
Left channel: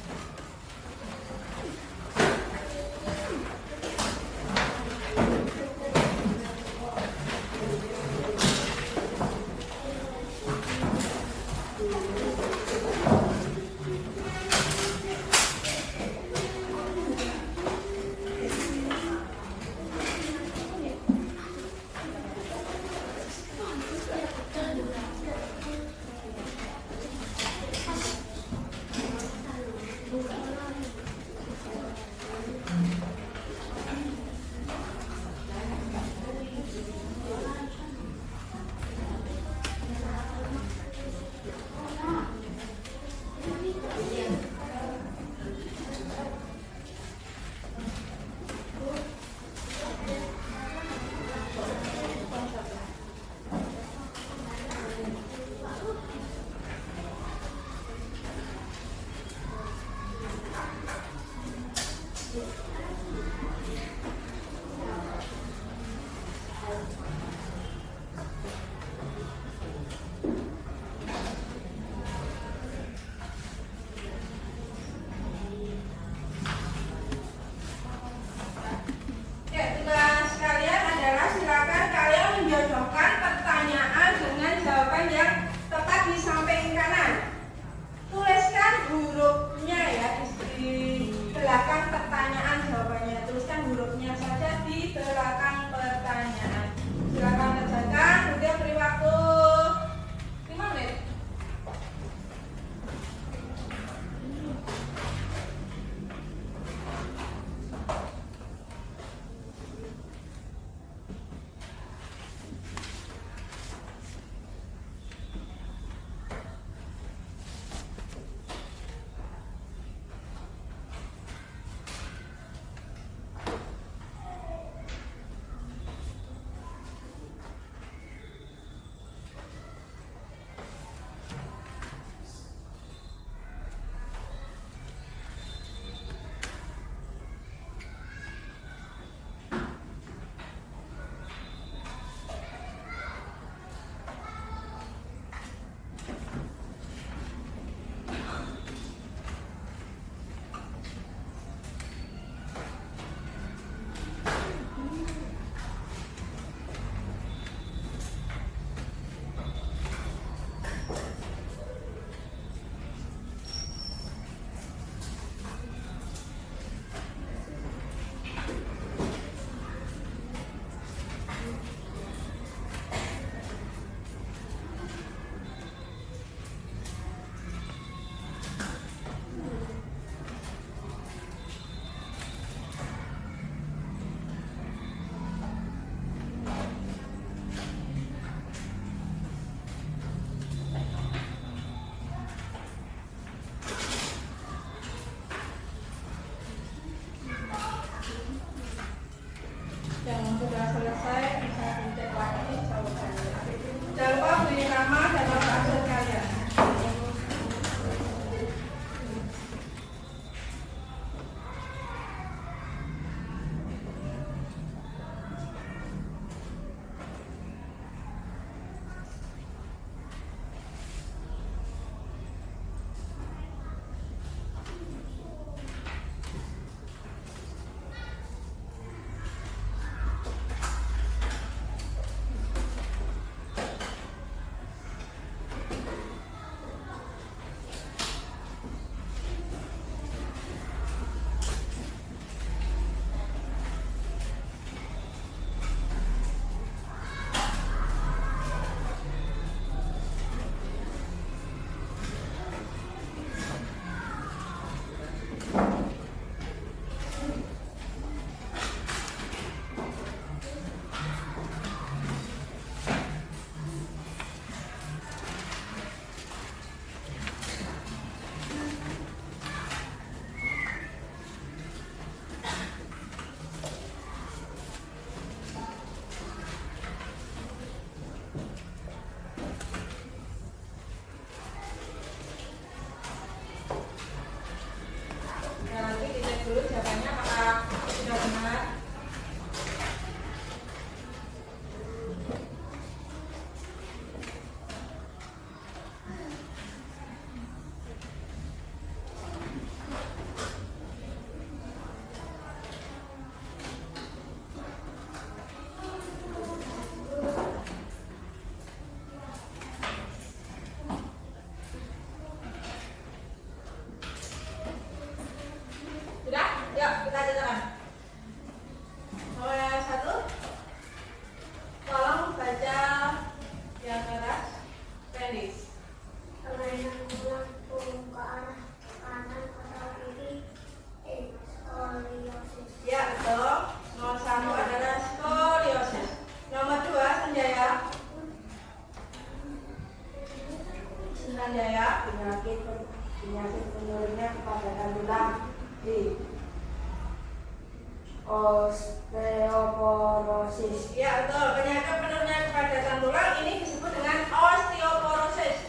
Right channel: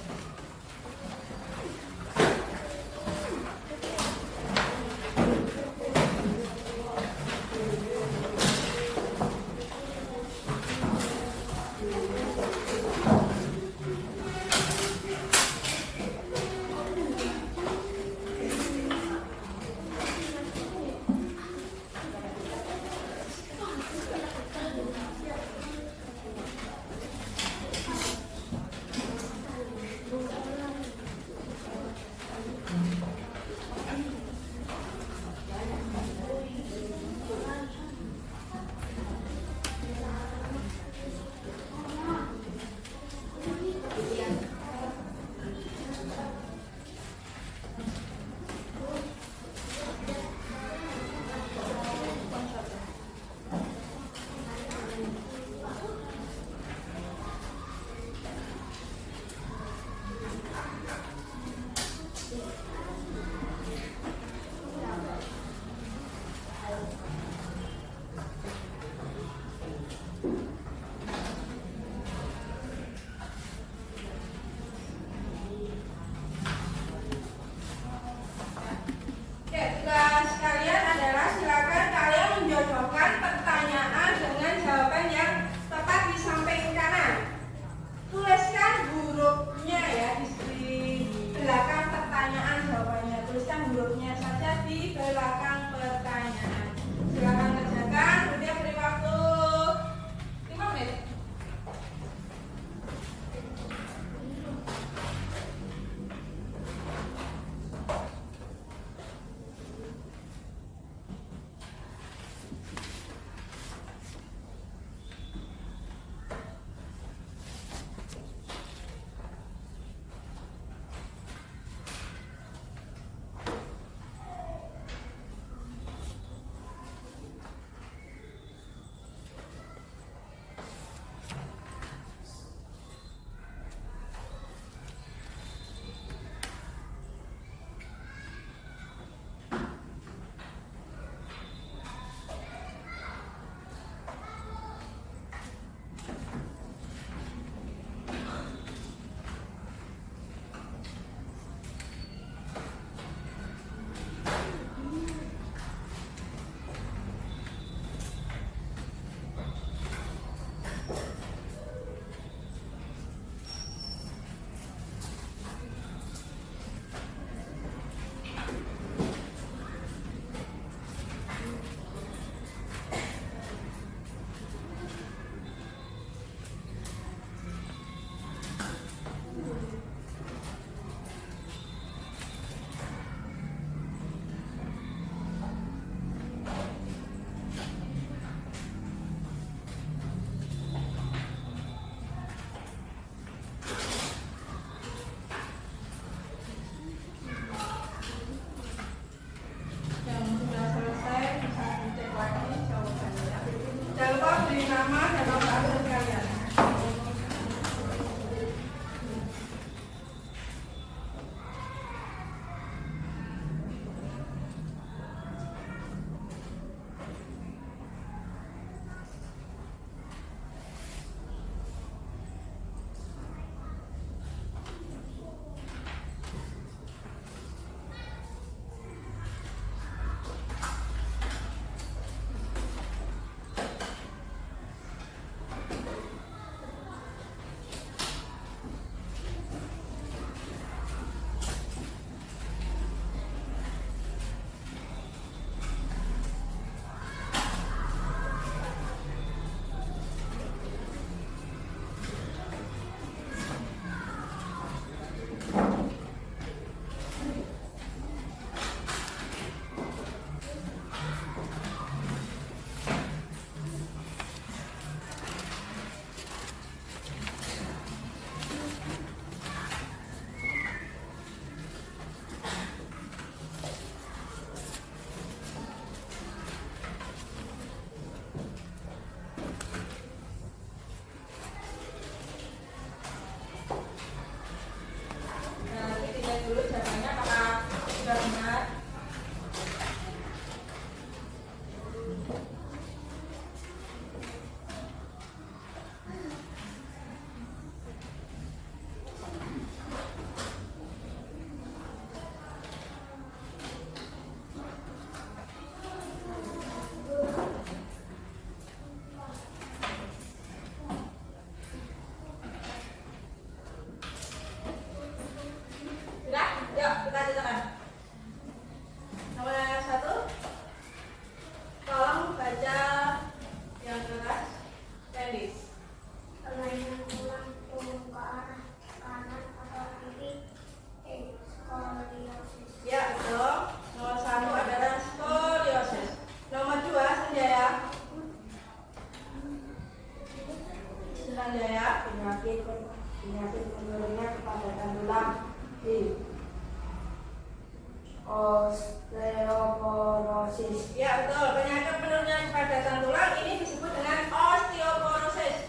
osteoporosis. Ya betul, penyakit penurunan kepadatan tulang ini disebut dengan osteoporosis.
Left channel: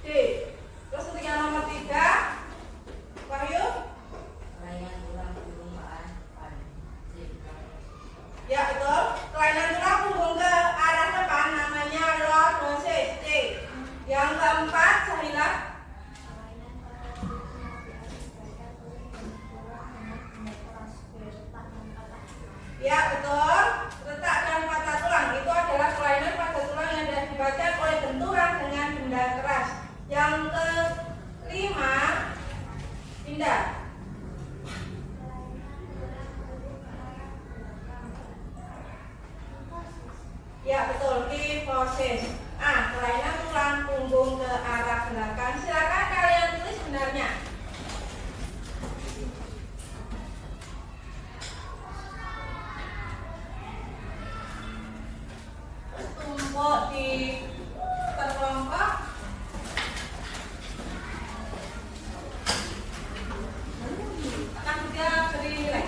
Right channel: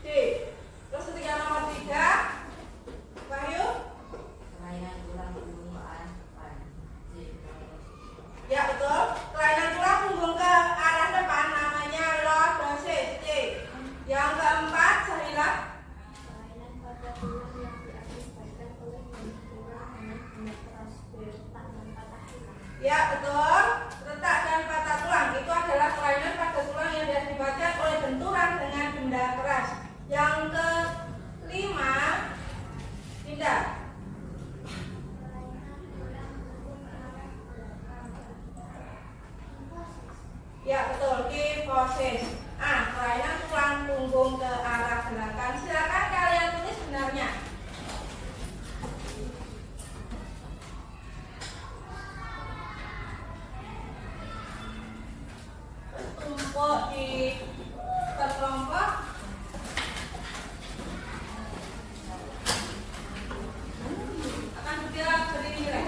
D. Terus untuk yang nomor 3, Wahyu. kelainan tulang punggung ke arah depan. Ya betul, kelainan tulang punggung ke arah depan namanya lordosis. C. Yang keempat, Sahila. Ya betul, retak dan patah tulang itu adalah kelainan pada tulang yang diakibatkan oleh benturan dengan benda keras. Yang kelima, Indah. Ya betul, kifosis. Kelainan tulang punggung ke arah belakang. Silakan kalian tulis benarnya. Tumpuk di kelompok. Akan dia beri nilai.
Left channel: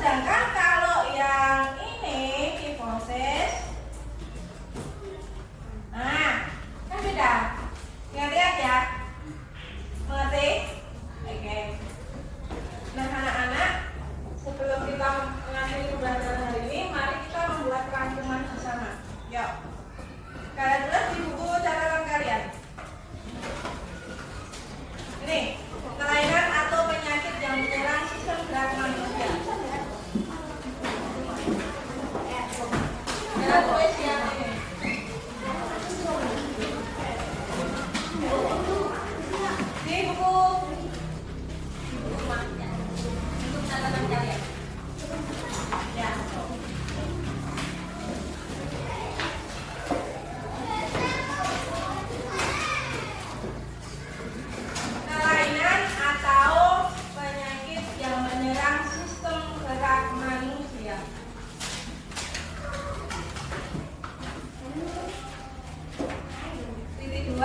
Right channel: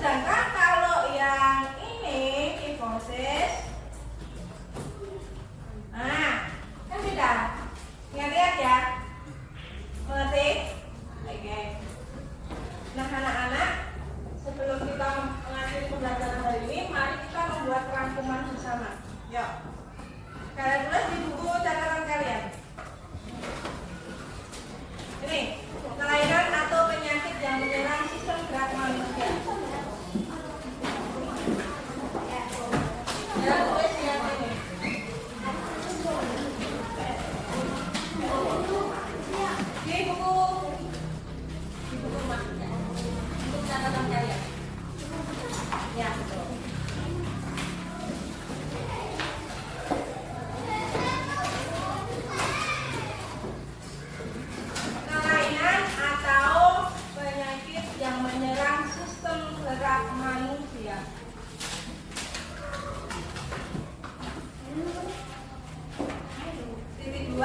Sedangkan kalau yang ini kifosis buku. Untuk catatan kalian. Ya, betul. Kelainan atau penyakit yang menyerang sistem gerak manusia. Titik 2.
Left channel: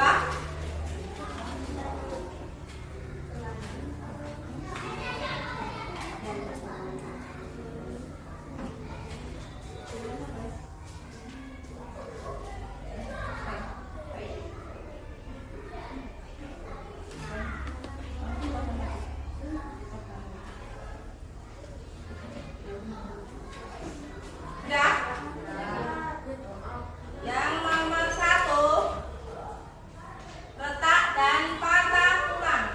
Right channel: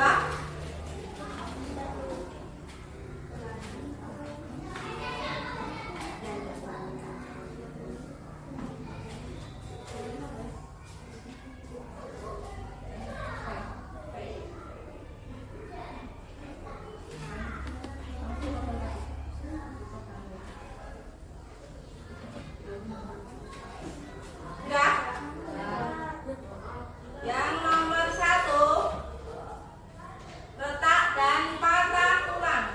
Sudah? Yang nomor 1, retak dan patah tulang.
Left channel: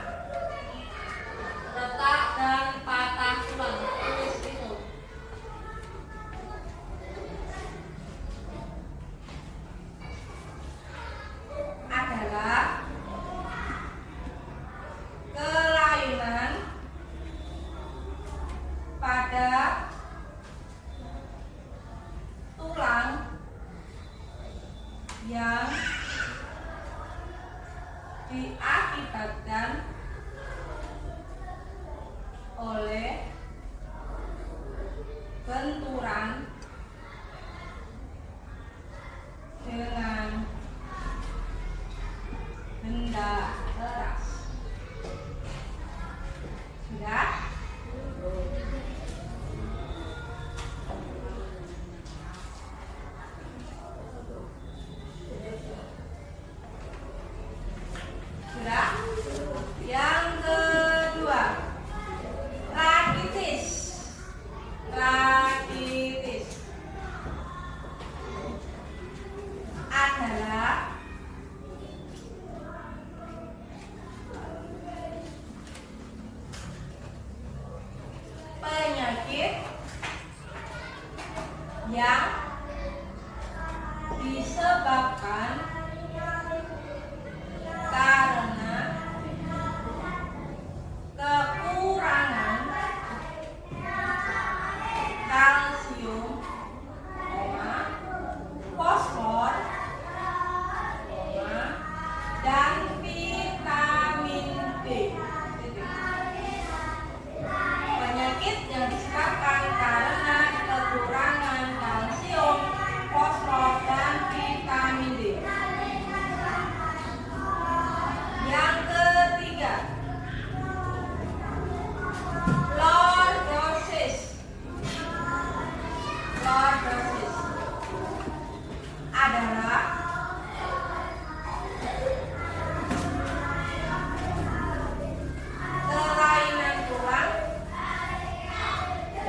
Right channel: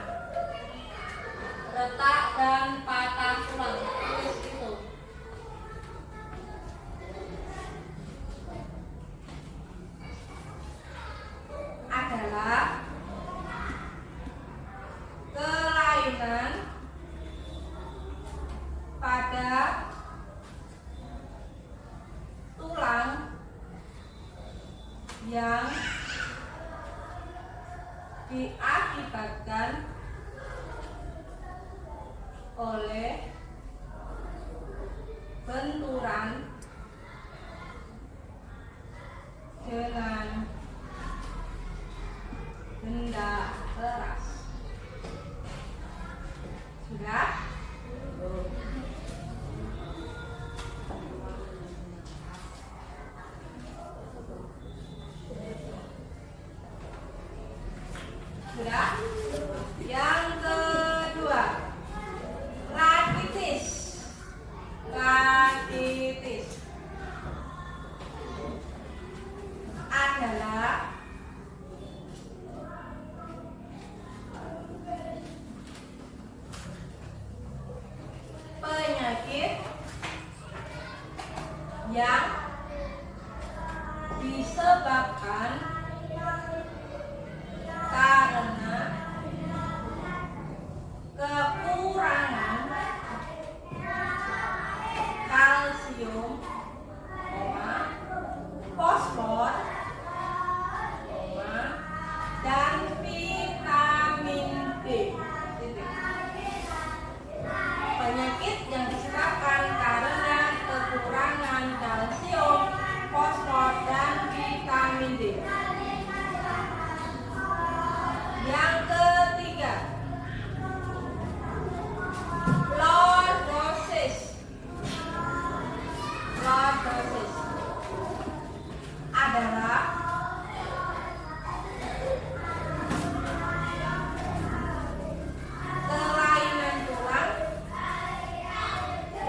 Retak dan patah tulang. Tulis itu. Adalah kelainan pada tulang yang diakibatkan oleh benturan dengan benda keras. Sudah? Sudah? Yang kedua, rakitis. Rakitis adalah penyakit yang disebabkan karena kekurangan kalsium, fosfor, dan vitamin D. Penyakit yang disebabkan karena kekurangan kalsium, fosfor, dan vitamin D. Yang ketiga, lordosis. Lordosis adalah kelainan tulang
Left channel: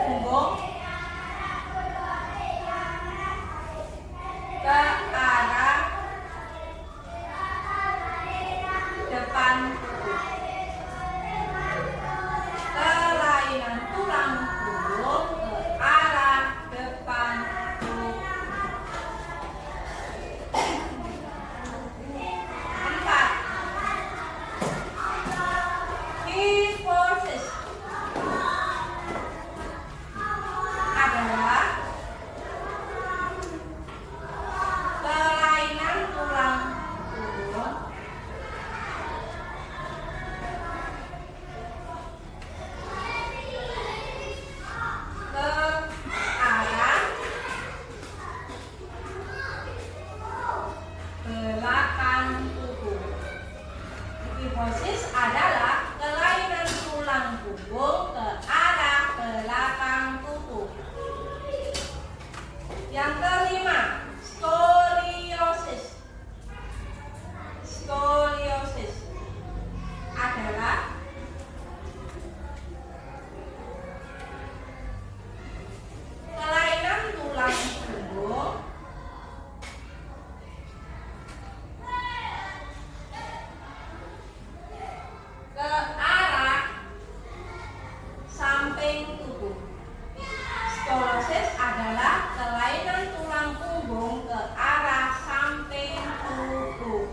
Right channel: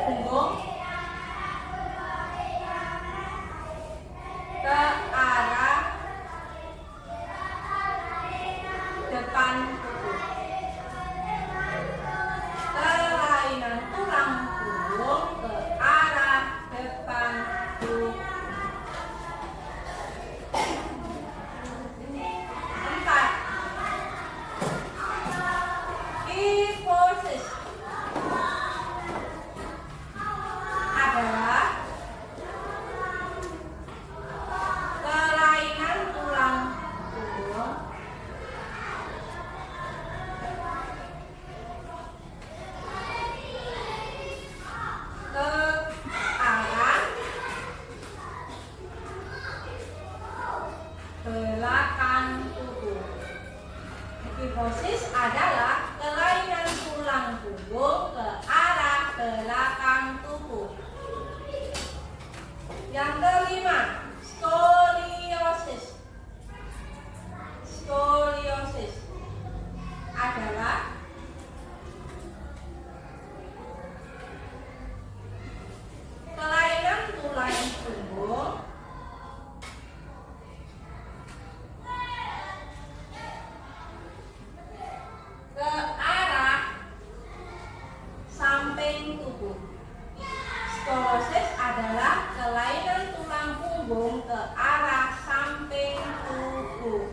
punggung ke arah depan tubuh. Kelainan tulang punggung ke arah depan tubuh. 4. Kyphosis adalah kelainan tulang punggung ke arah belakang tubuh. Kyphosis adalah kelainan tulang punggung ke arah belakang tubuh. Yang kelima, skoliosis. Skoliosis adalah kelainan tulang punggung ke arah samping tubuh. Skolosis adalah kelainan tulang punggung ke arah samping tubuh.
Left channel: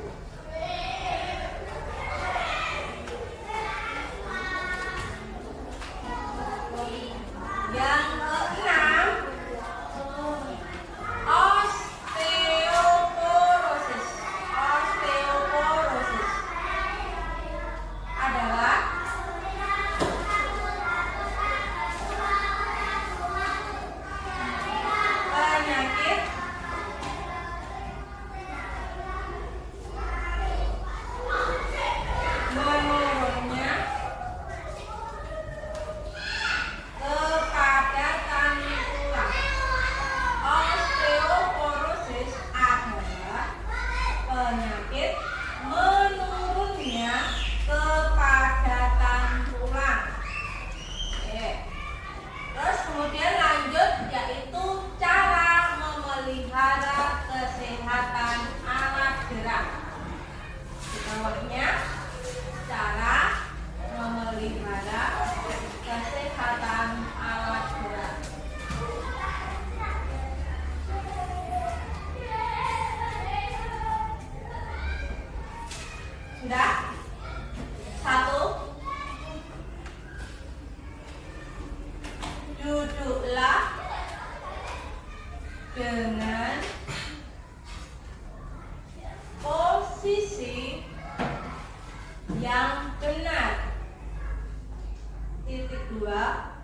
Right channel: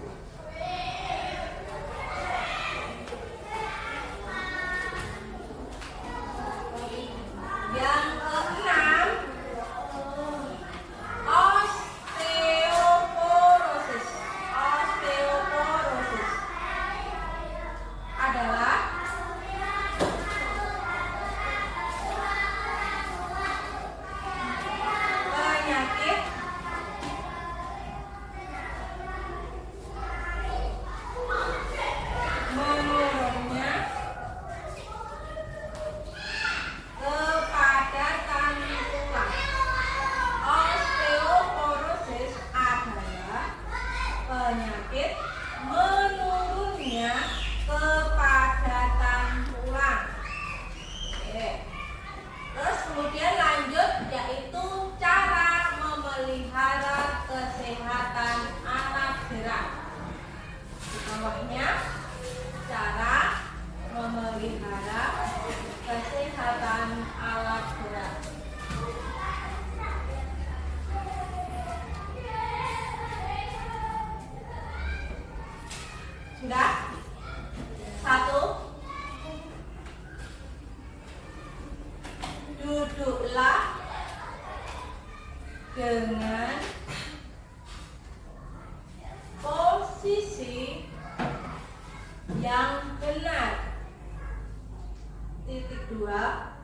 kedua,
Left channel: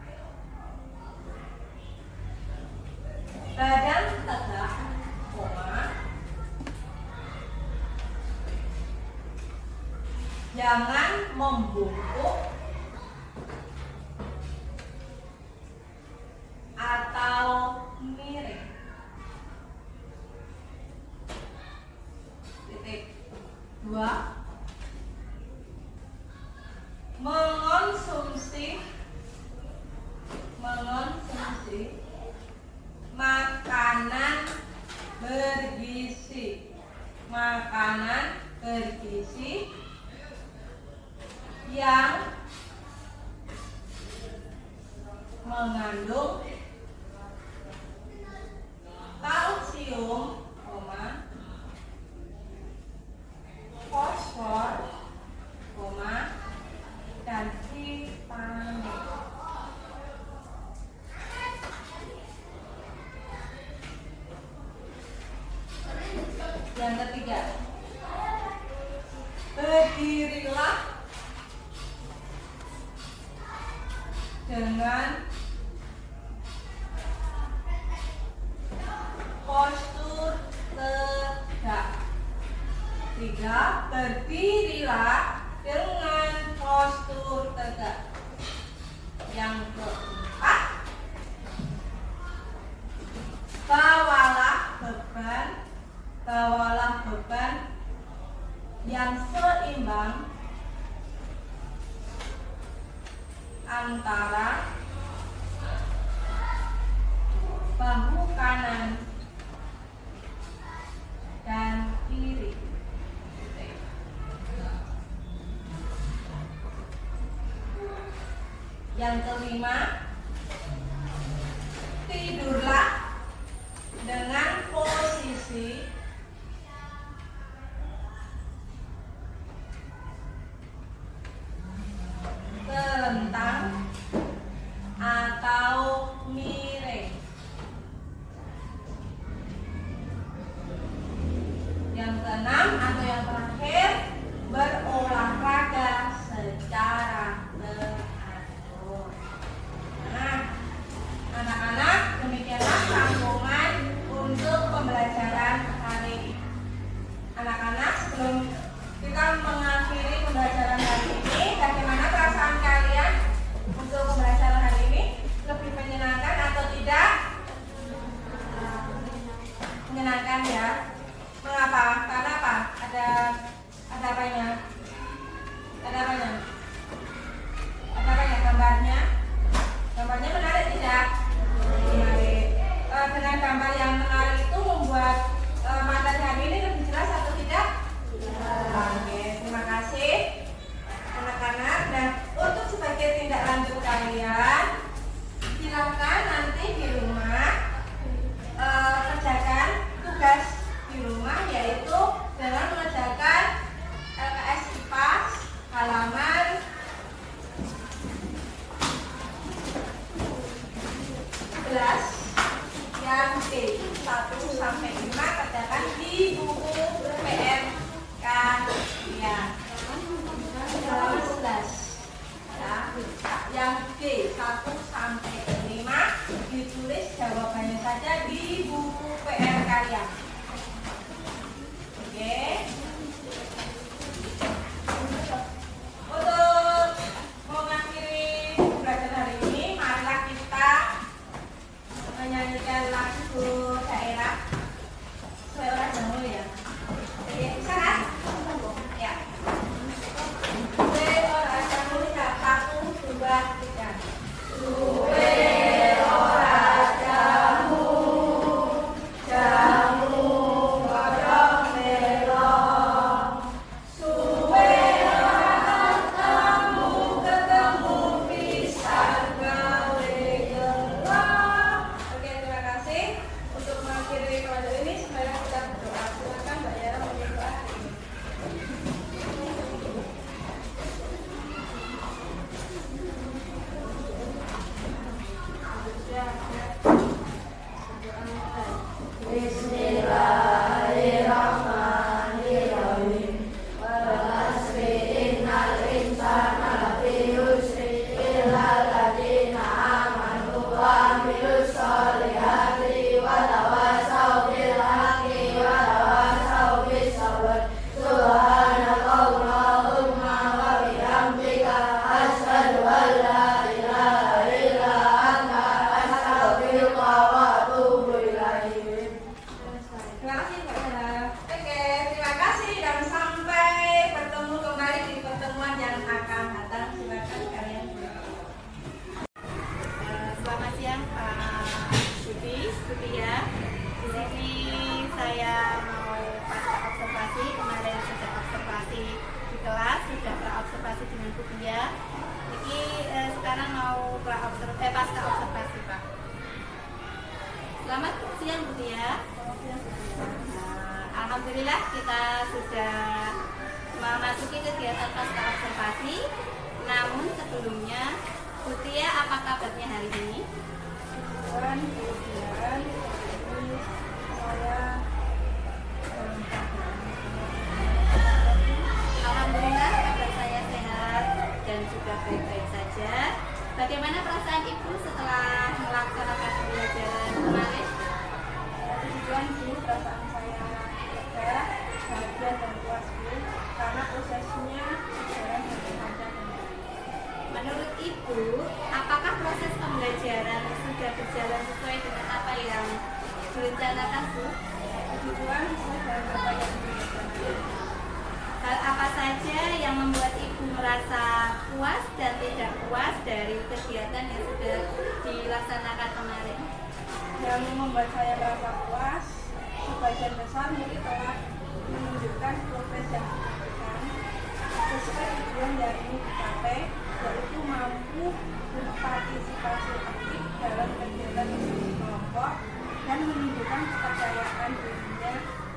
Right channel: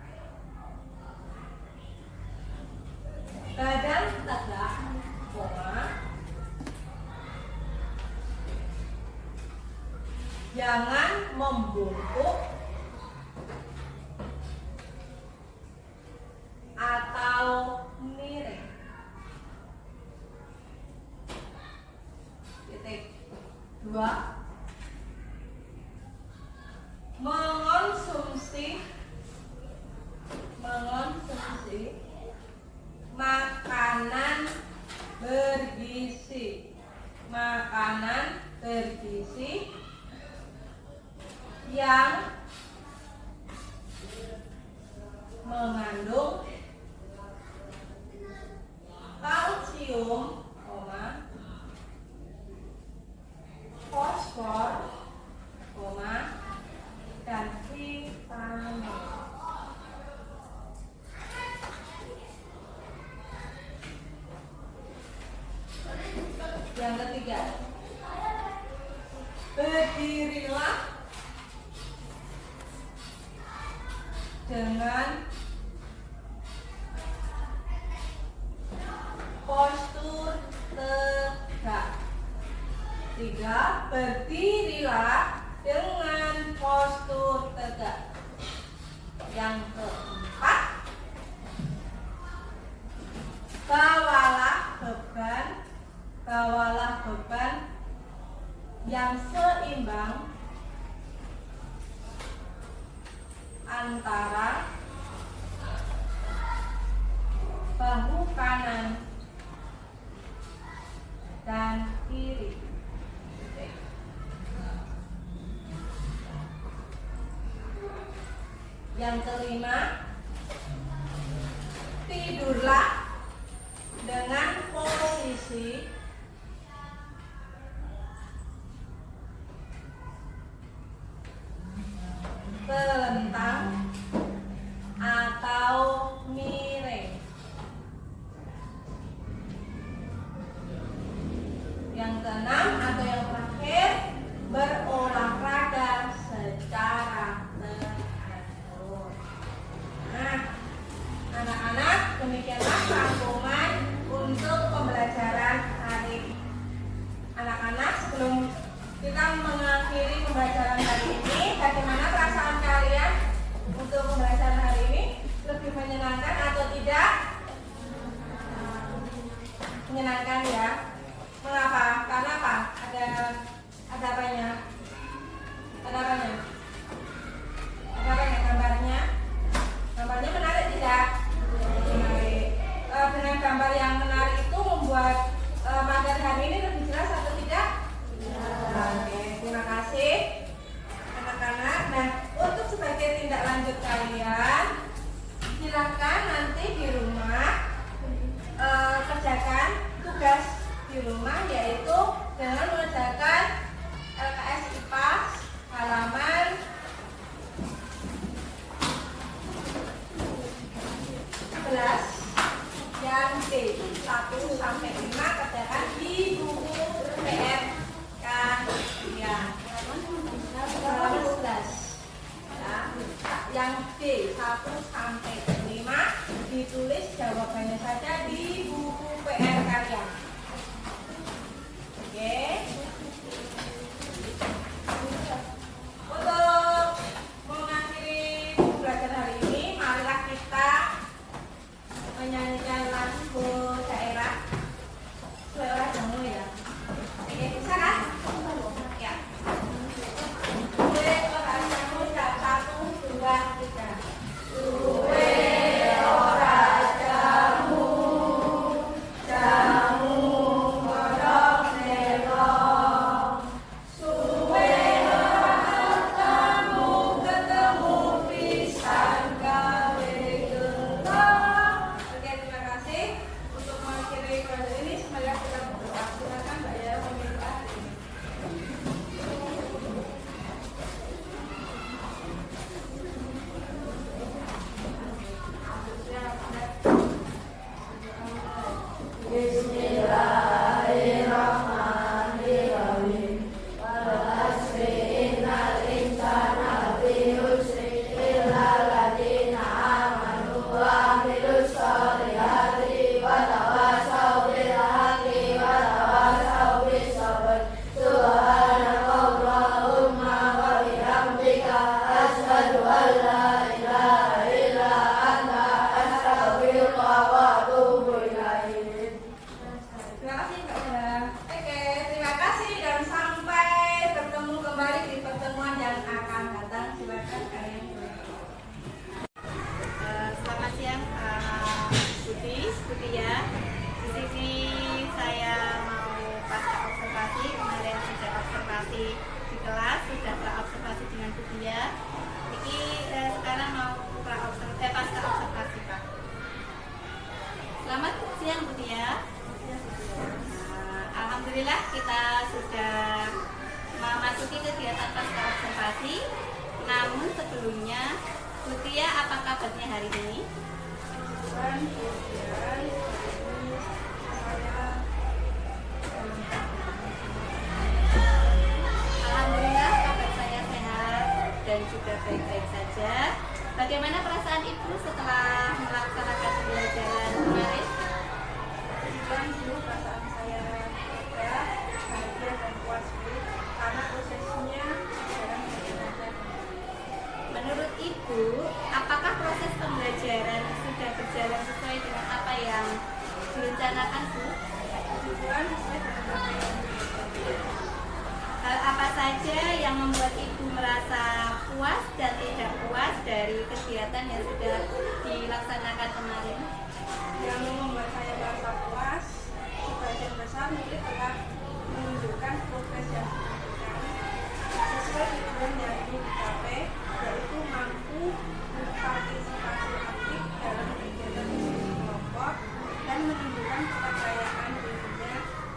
badan tegak, koma, jangan membungkuk atau miring. Titik. Dua, mengonsumsi makanan bergizi yang mengandung kalsium, fosfor, dan vitamin. Yang ketiga, berdirilah dengan postur tegak. Tiga, berdirilah dengan postur tegak. Yang keempat, bawalah beban yang seimbang antara bahu kanan dan kiri. Yang kelima, tidurlah dengan posisi telentang atau miring. Yang keenam atau yang terakhir, berolahraga secara teratur. Nah, anak-anak, demikianlah rangkuman untuk pembelajaran hari ini. Anak-anak, sebelum kita mengakhiri pembelajaran hari ini, bagaimana perasaan kalian untuk pembelajaran hari ini? Lebih menyenangkan atau tidak? Menyenangkan ya. Mengapa? Karena apa? Ada apanya? Ada apanya? Ada apanya gambarnya? Gambarnya menarik tidak? Menarik. Dengan gambar yang menarik itu membuat materi hari ini lebih jelas atau tidak? Oke, terima kasih anak-anak. Dan untuk sebagai tindak lanjut kalian, silakan nanti di rumah kerjakan tugas di rumah, yaitu dengan mengerjakan LKS IPA halaman 11 yang B 1 sampai 5, kerjakan di buku PR kalian halaman 11 ya. Yang B 1 sampai 5 ditulis jawabannya saja di buku PR kalian. Oke. Untuk mengakhiri pembelajaran hari ini, marilah kita menyanyikan lagu daerah sesuai orang Jawa ya. Oke, bisa kan? Ya. Sesuai orang Jawa, 1, 2, 3. Bu Tia. Di sini saya mau pasca observasi. Kemarin sudah observasi di kelas, sudah observasi dengan Bu Tia. Ini sekarang mau pasca observasi, Pak. Selamat siang Bu Tia. Alhamdulillah kita sudah memasuki kegiatan pasca observasi. Namun sebelumnya, Bu Tia, apa kabarnya hari ini? Alhamdulillah kabar saya sehat dan juga baik-baik saja. Bagaimana perasaan Ibu setelah melaksanakan pembelajaran kemarin? Perasaan saya lega, bahagia dan puas karena prosesnya berjalan dengan lancar. Menurut Ibu, apakah proses pembelajaran sudah berjalan sesuai dengan apa yang direncanakan, Bu? Hal apa saja yang membuat Ibu merasa puas dan tidak puas dari kegiatan yang sudah dilaksanakan kemarin? Yang membuat saya merasa puas, sebagian besar mungkin telah menunjukkan progres yang signifikan sesuai tujuan yang ingin dicapai, yaitu mampu berpartisipasi aktif dalam kegiatan diskusi kelompok dan menunjukkan kepercayaan dirinya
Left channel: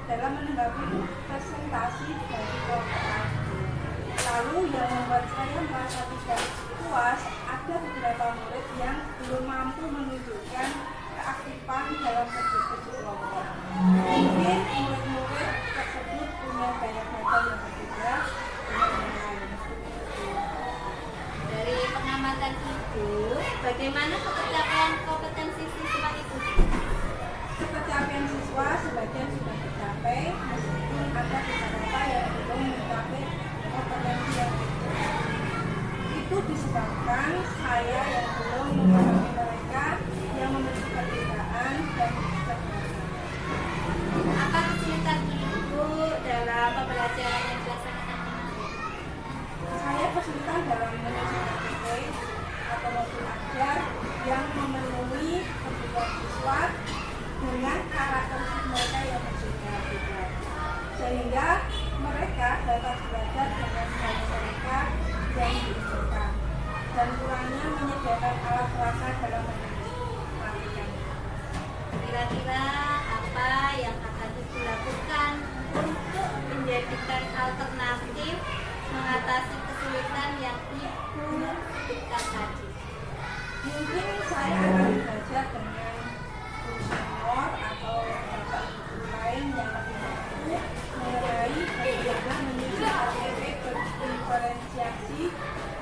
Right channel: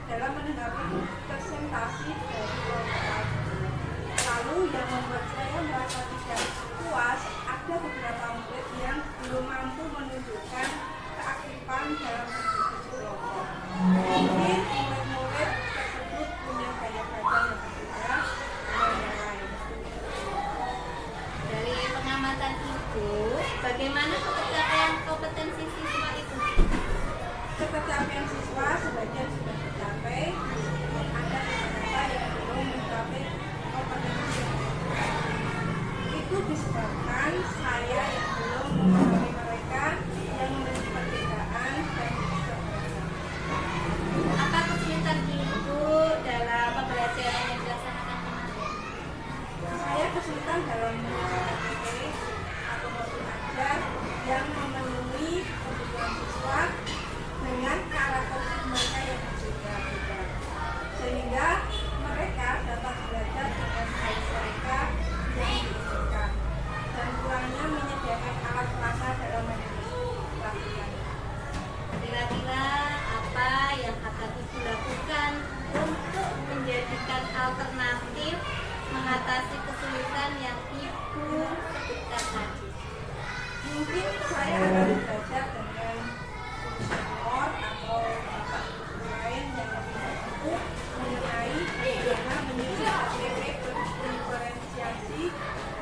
dalam menanggapi presentasi dari kelompok lain. Lalu yang membuat saya merasa tidak puas, ada beberapa murid yang belum mampu menunjukkan keaktifan dalam berdiskusi kelompok. Mungkin murid-murid tersebut punya gaya belajar yang berbeda dengan yang lain. Dari pengamatan Ibu, bagaimana pencapaian kompetensi siswa itu? Pencapaian siswa sebagian sudah tercapai, meskipun ada beberapa yang belum mencapai kompetensi yang dibutuhkan. Itu disebabkan saya yang belum memahami mereka yang memiliki perbedaan dan keterbatasan. Apa kesulitan Ibu dalam pembelajaran yang dilaksanakan kemarin? Saya kesulitan dalam menyusun materi atau modul ajar yang memenuhi kebutuhan siswa dengan karakteristik mereka yang berbeda-beda, sehingga mereka dapat belajar dengan baik mereka yang diinginkan, dan kurangnya menyediakan alat perasa dalam menghadapi pelatihan. Kira-kira apa yang akan Ibu lakukan untuk menjadikan alternatif mengatasi kesulitan yang Ibu sebutkan tadi? Mungkin saya akan belajar dengan senior atau bapak lain yang lebih mampu mengenai bagaimana menyusun materi diferensiasi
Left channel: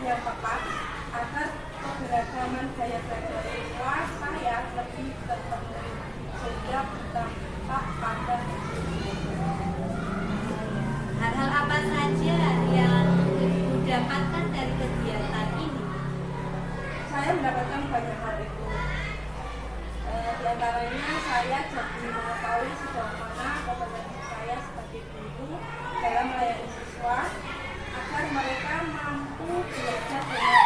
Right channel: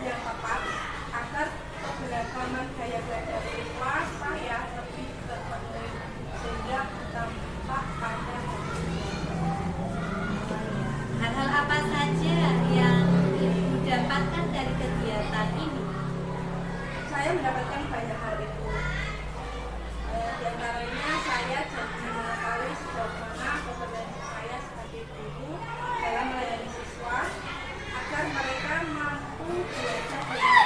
yang tepat agar keberagaman gaya belajar siswa saya lebih terpenuhi sehingga berdampak pada Hal-hal apa saja yang Ibu dapatkan dari kegiatan ini? saya mendapatkan banyak hal itu. Di antaranya saya jadi mengetahui sejauh mana kompetensi saya sebagai guru dalam melayani siswa agar mereka mampu belajar dengan